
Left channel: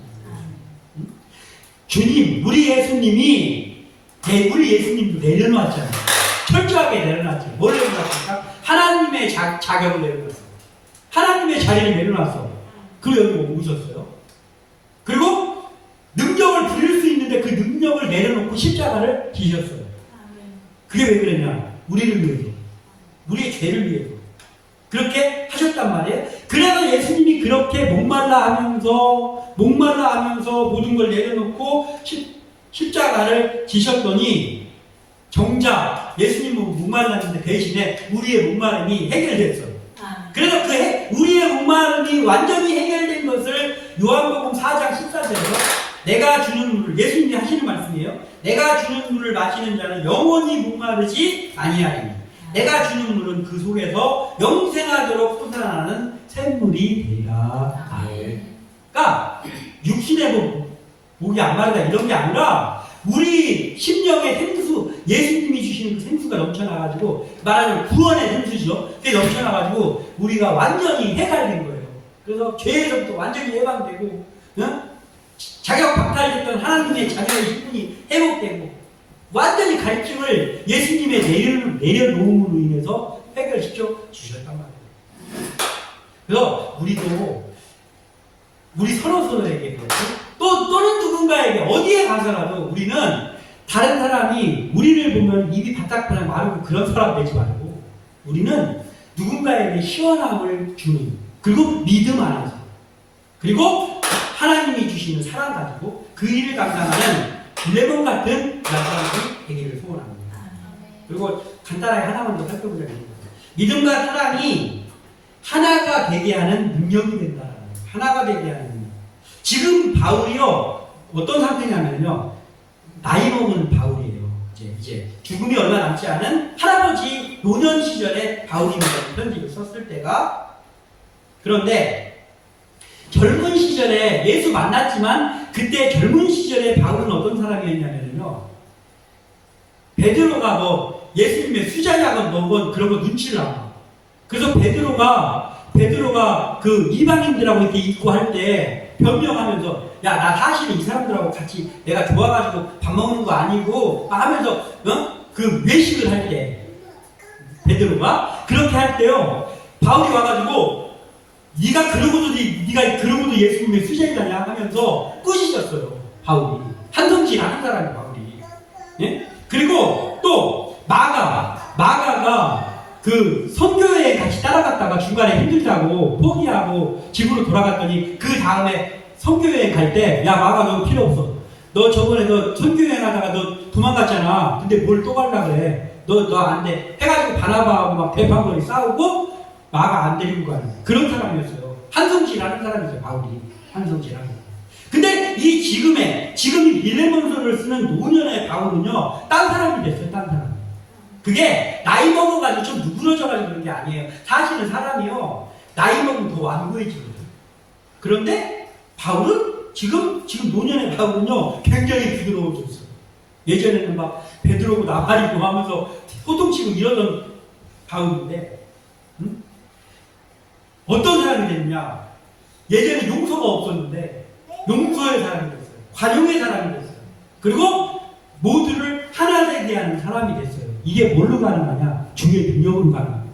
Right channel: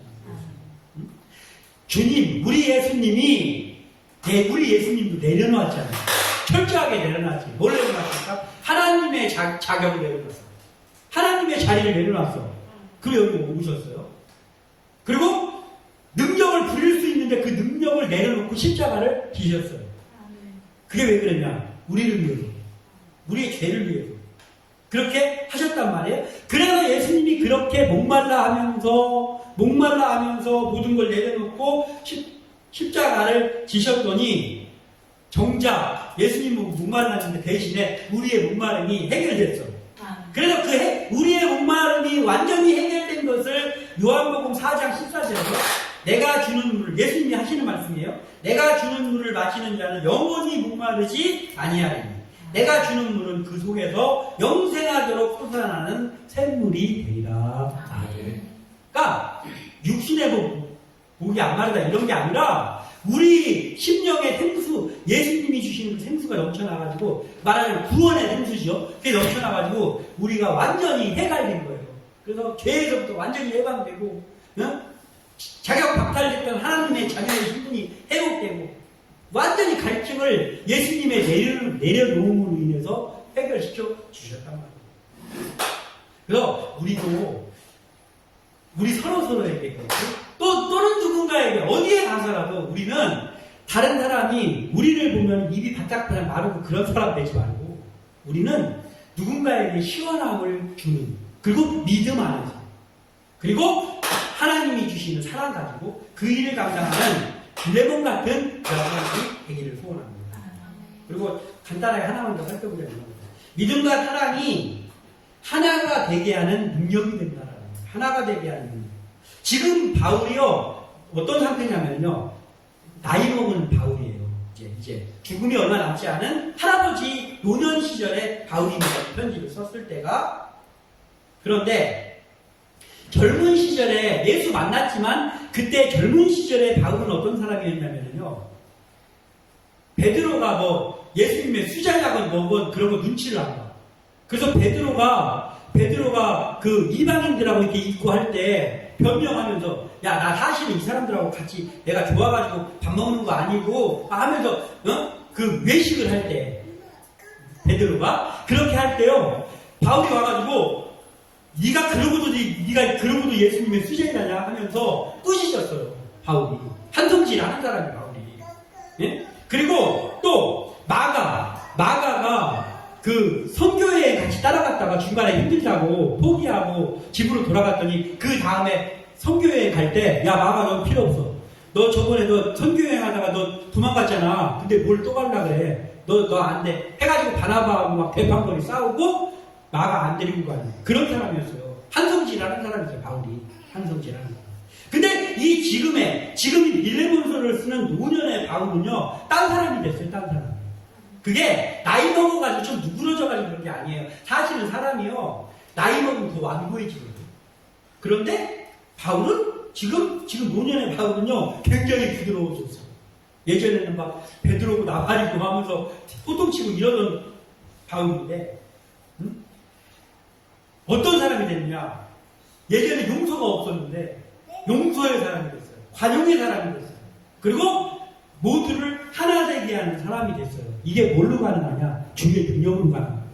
주님, 우리 예수님도 내려놨잖아요. 철저하게 내려놨지. 뭘 내려놨습니까? 하나님의 자격을 내려놨어. 하나님의 자리를 내려놨어. 그리고 여기 오셨어요. 그리고 능력을 부릴 수 있는데 그 능력을 내려놓고 십자가를 지셨어요. 그게 왜 그랬냐? 우리를 위해서. 우리의 죄를 위해서. 그렇게 하셨단 말이에요. 그래서 예수님이 그렇게 목말라 하면서 모든 걸 내려놓고 십자가를 지셨더니 정작 예수님은 목말랐는데 대신에 우리의 목마름이 해결됐어요. 그래서 우리의 목마름이 완전히 해결된 것을 요한복음 4장 14절에서 내가 주는 물을, 예수님이 하시는 말씀이에요. 내가 주는 물을 마시는 자는 영원히 목마르지 아니하리니 내가 주는 물은 그 속에서 영생하도록 솟아나는 샘물이 되리라. 그러니까 육신의 목이 안 마르다 이런 게 아니라 우리 심령의 생수, 예수님이 주시는 그 생수가 넘쳐나가지고 말하자면 구원의 생수죠. 그게 넘쳐나가지고 우리가 완전히 해결된 거예요. 그래서 죄에서부터 완전히 해방되고 자격 박탈됐던 하나님의 자녀의 신분이 회복되고 완전히 가르침을 예수님의 내려놓음으로 인해서 해결시켜 주셨단 말이에요. 그래서 우리 서로에게 또는 누군가에게 어디에 가서라도 우리는 다른 사람이 우리를 보면 입이 바짝 그냥 마르고 그런 사람 되지 말고 우리는 누군가에게 시원함을 주는 그리고 믿음 안에서 그리고 하나님이 주시는 사랑 가지고 그 일을 감당하는 빌레몬 같은 사람이 되기를 소원합니다. 그리고 간단하게 하나만 더 살펴보자면 믿음과 사랑이 하나가 되게 하는 능력이 된다는 거예요. 하나가 되게 하는 능력. 지금 바울이요 어떤 상태냐면요 나이 먹은 바울이에요. 이제 죽음이 얼마 남지 않은 할아버지 노년 시절에 바울입니다. 편지를 썼을 때가 그런데 젊은 시절에 예수 만났지만 그때 젊은 시절에 바울은 어떤 사람이었냐면요 베드로가 예수님의 수자약은 먹은 그런 거 눈치를 안 봐. 그래서 베드로가 베드로가 그 이방인들하고 이렇게 있고 할 때 변명하면서 야, 나 사실은 이 사람들하고 같이 내가 좋아가지고 밥 먹는 거 아니고 하면서 그 외식을 할 때 베드로가 그렇게 할 때요 바울이 와가지고 네가 그러고도 예수님의 수제자냐 하면서 꾸짖었어요. 바울이 한성질하는 사람이 바울이. 예? 그리고 또 마가가 그 선교회에 같이 따라갔다가 중간에 힘들다고 포기하고 집으로 돌아갔더니 그 다음에 선교여행 갈 때 야 마가 너 필요 없어. 너 저번에 너 선교여행 하다가 너 도망갔잖아. 근데 뭘 또 갈라 그래. 너 안 돼. 해가지고 바나바하고 막 대판거리 싸우고 마가 안 데리고 가는 그런 사람이었어요. 한성질하는 사람이죠. 바울이 한성질하는. 근데 이 지금이 빌레몬서를 쓰는 노년의 바울은요 딴 사람이 됐어요. 딴 사람. 그게 나이 먹어가지고 좀 누그러져가지고 그런 게 아니에요. 사실은 사람이요 나이 먹으면 더 완고해지거든요. 그런데 바울은 지금 노년의 바울은요 굉장히 부드러워졌어요. 예전에는 막 베드로고 나발이고 하면서 호통치고 이러던 바울인데 어떤 사람이 됐냐? 예전에 용서가 없었는데 용서의 사람이 됐어요. 관용의 사람이 됐어요. 그리고 모두를 하나 되게 하는 사람이 됐어요. 이게 뭘로 가능하냐? 주의 능력으로 가능합니다.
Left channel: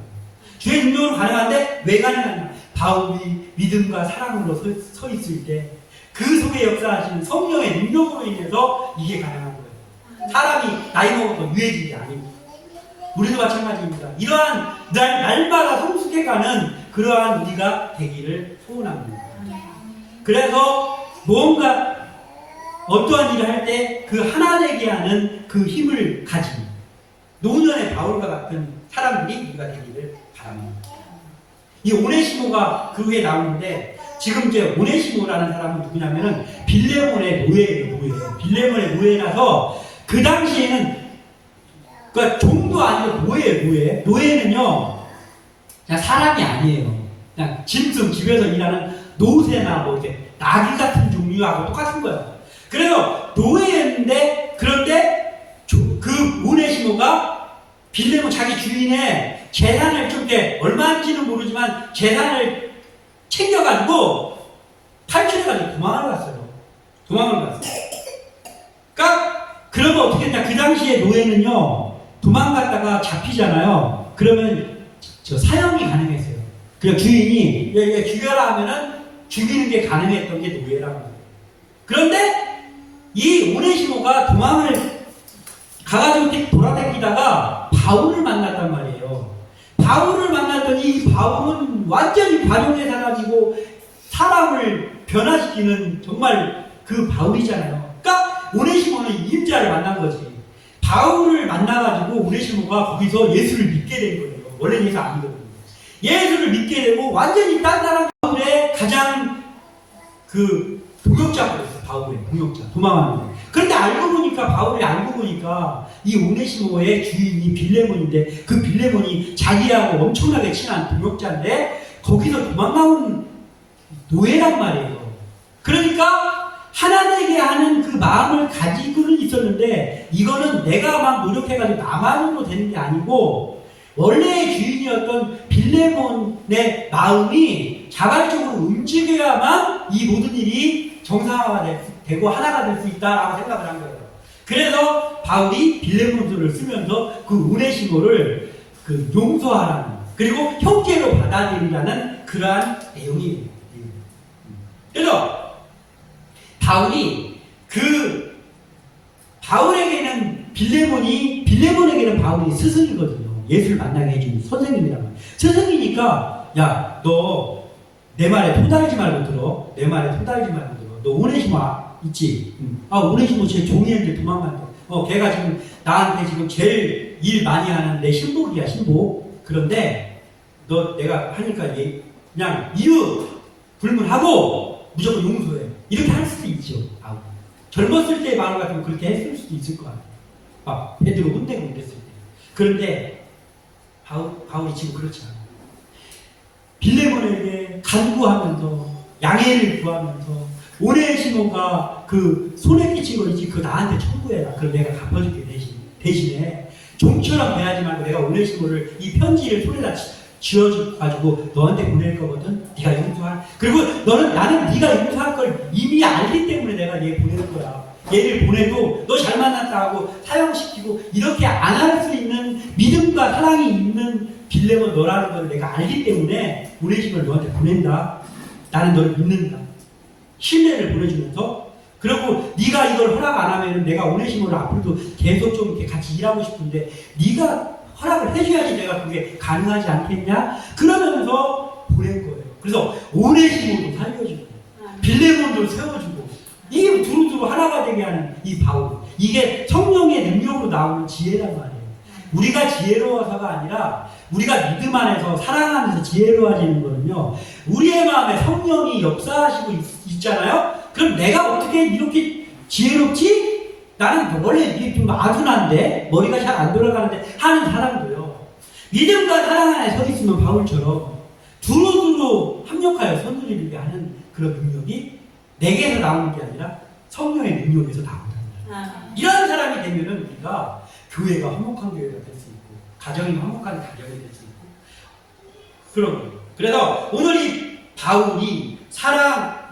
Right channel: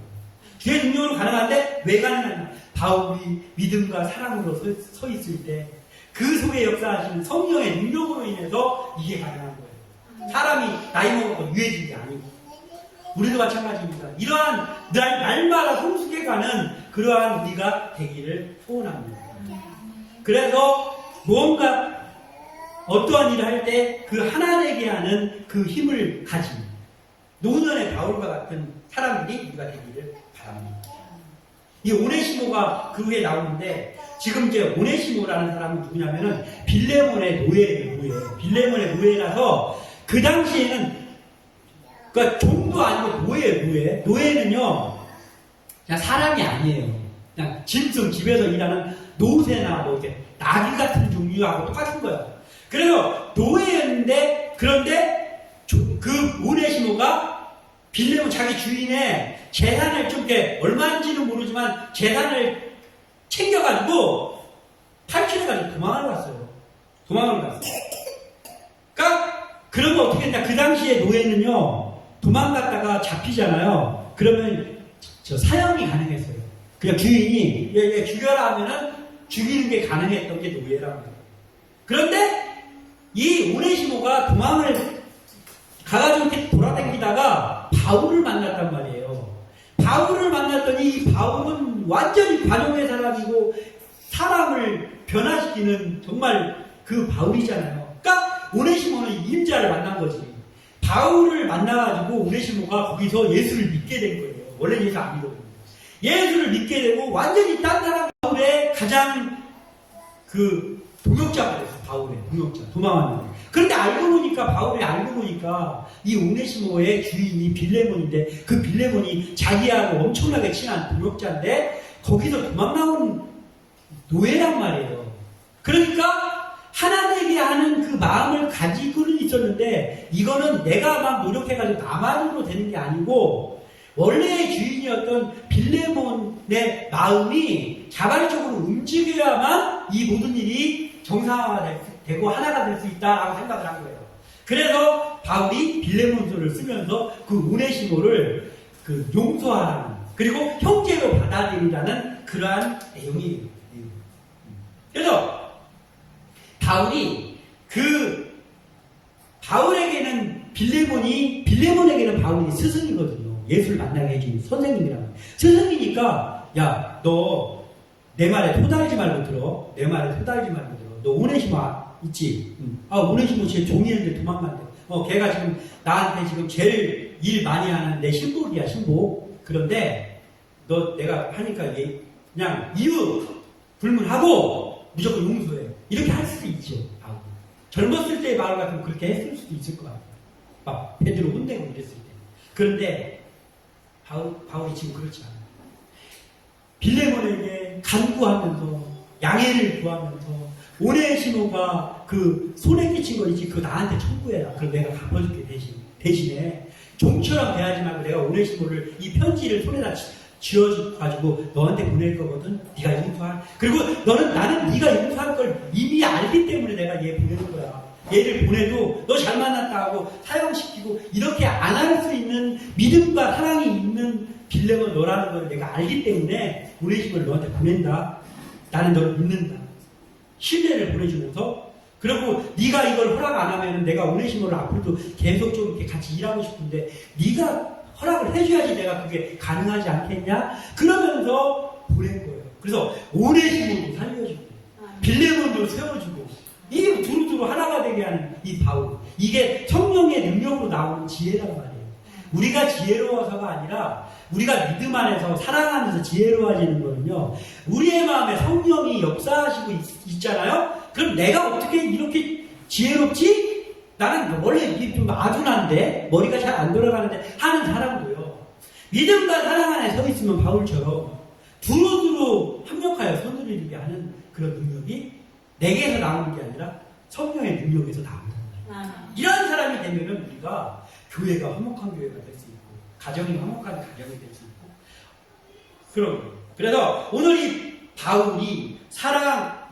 주의 능력으로 가능한데 왜 가능하냐? 바울이 믿음과 사랑으로 서 있을 때 그 속에 역사하시는 성령의 능력으로 인해서 이게 가능한 거예요. 사람이 나이 먹어서 유해진 게 아니고 우리도 마찬가지입니다. 이러한 날마다 성숙해가는 그러한 우리가 되기를 소원합니다. 그래서 무언가 어떠한 일을 할 때 그 하나 되게 하는 그 힘을 가진 노년의 바울과 같은 사람들이 우리가 되기를 바랍니다. 이 오네시모가 그 위에 나오는데 지금 이제 오네시모라는 사람은 누구냐면은 빌레몬의 노예예요. 빌레몬의 노예라서 그 당시에는 그러니까 종도 아니고 노예예요. 노예는요 그냥 사람이 아니에요. 그냥 짐승 집에서 일하는 노새나 뭐 이렇게 나귀 같은 종류하고 똑같은 거예요. 그래서 노예였는데 그런데 그 오네시모가 빌레몬 자기 주인의 재산을 좀 이렇게 얼마인지는 모르지만 재산을 챙겨가지고 탈출해가지고 도망을 갔어요. 그러니까 그러면 어떻게 했냐? 그 당시에 노예는요 도망갔다가 잡히잖아요. 그러면 저 사형이 가능했어요. 그냥 주인이 얘 죽여라 하면은 죽이는 게 가능했던 게 노예라는 거예요. 그런데 이 오네시모가 도망을 가가지고 이렇게 돌아다니다가 바울을 만났단 말이에요. 바울을 만났더니 이 바울은 완전히 관용의 사람이고 사람을 변화시키는 정말 그 바울이잖아요. 그러니까 오네시모는 임자를 만난 거지. 바울을 만나가지고 오네시모가 거기서 예수를 믿게 된 거예요. 원래는 예수 아니거든요. 예수를 믿게 되고 완전히 딴 사람 바울의 가장 그 동역자가 됐어요. 바울의 동역자. 도망하는 거. 그런데 바울이 알고 보니까 이 오네시모의 주인이 빌레몬인데 그 빌레몬이 자기하고 엄청나게 친한 동역자인데 거기서 도망나온 노예란 말이에요. 그러니까 하나 되게 하는 그 마음을 가지고는 있었는데 이거는 내가 막 노력해가지고 나만으로 되는 게 아니고 원래의 주인이었던 빌레몬의 마음이 자발적으로 움직여야만 이 모든 일이 정상화가 되고 하나가 될 수 있다라고 생각을 한 거예요. 그래서 바울이 빌레몬서를 쓰면서 그 오네시모를 그 용서하라는 그리고 형제로 받아들이라는 그러한 내용이에요. 그래서 바울에게는 빌레몬에게는 바울이 스승이거든요. 예수를 만나게 해준 선생님이라고. 스승이니까 야, 너 내 말에 토달지 말고 들어. 내 말에 토달지 말고 들어. 너 오네시모 있지? 오네시모 제 종이었는데 도망간대. 걔가 지금 나한테 지금 제일 일 많이 하는 내 신복이야, 신복. 그런데 너 내가 하니까 그냥 이유 불문하고 무조건 용서해. 이렇게 할 수도 있죠. 젊었을 때의 마음 같으면 그렇게 했을 수도 있을 것 같아요. 막 베드로 혼내고 이랬을 때. 그런데 바울이 지금 그렇지 않아요. 빌레몬에게 간구하면서 양해를 구하면서 오네시모가 그 손에 끼친 거 있지 그거 나한테 청구해라. 그럼 내가 갚아줄게 대신에 좀처럼 대하지 말고 내가 오네시모를 이 편지를 손에다 지어가지고 너한테 보낼 거거든. 네가 용서할. 그리고 나는 네가 용서할 걸 이미 알기 때문에 내가 얘 보낼 거야. 얘를 보내도 너 잘 만났다 하고 사형시키고 이렇게 안 할 수 있는 믿음과 사랑이 있는 빌레몬 너라는 걸 내가 알기 때문에 보내심을 너한테 보낸다. 나는 너를 믿는다. 신뢰를 보내주면서 그리고 네가 이걸 허락 안 하면 내가 오네시모를 앞으로도 계속 좀 이렇게 같이 일하고 싶은데 네가 허락을 해줘야지 내가 그게 가능하지 않겠냐? 그러면서 보낸 거예요. 그래서 오네시모도 살려주고 빌레몬도 세워주고 이 두루두루 하나가 되게 하는 이 바울. 이게 성령의 능력으로 나오는 지혜란 말이에요. 우리가 지혜로워서가 아니라 우리가 믿음 안에서 사랑하면서 지혜로워지는 거는요. 우리의 마음에 성령이 역사하시고 있잖아요. 그럼 내가 어떻게 이렇게 지혜롭지? 나는 원래 이렇게 좀 아둔한데 머리가 잘 안 돌아가는데 하는 사람도요. 믿음과 사랑 안에 서 있으면 바울처럼 두루두루 합력하여 선을 이루게 하는 그런 능력이 내게서 나오는 게 아니라 성령의 능력에서 나온다는 거예요. 이런 사람이 되면은 우리가 교회가 화목한 교회가 될 수 있고 가정이 화목한 가정이 될 수 있고 그런 거예요. 그래서 오늘 이 바울이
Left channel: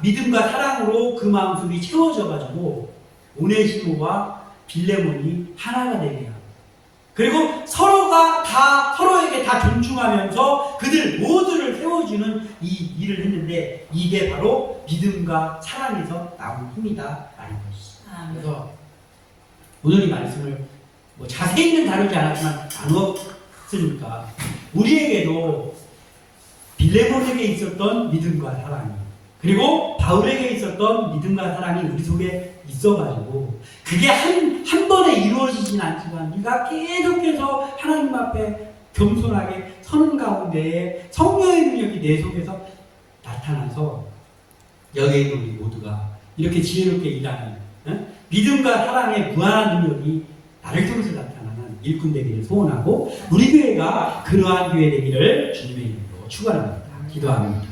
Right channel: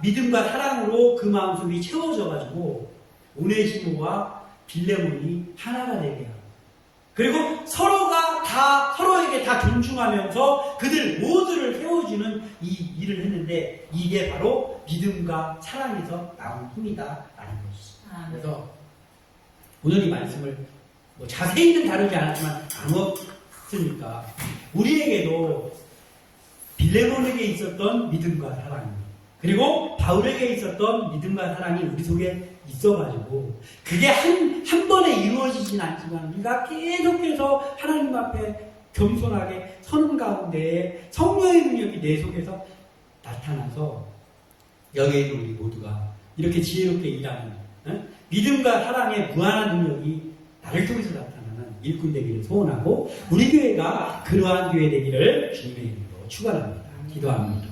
믿음과 사랑으로 그 마음속이 채워져가지고 오네시모와 빌레몬이 하나가 되게 하고 그리고 서로에게 다 존중하면서 그들 모두를 세워주는 이 일을 했는데 이게 바로 믿음과 사랑에서 나온 힘이다 라는 것이죠. 그래서 오늘 이 말씀을 뭐 자세히는 다루지 않았지만 나눴으니까 우리에게도 빌레몬에게 있었던 믿음과 사랑이 그리고 바울에게 있었던 믿음과 사랑이 우리 속에 있어가지고 그게 한 번에 이루어지진 않지만 우리가 계속해서 하나님 앞에 겸손하게 서는 가운데 성령의 능력이 내 속에서 나타나서 여기 있는 우리 모두가 이렇게 지혜롭게 일하는 믿음과 사랑의 무한한 능력이 나를 통해서 나타나는 일꾼 되기를 소원하고 우리 교회가 그러한 교회 되기를 주님의 이름으로 축원합니다. 기도합니다.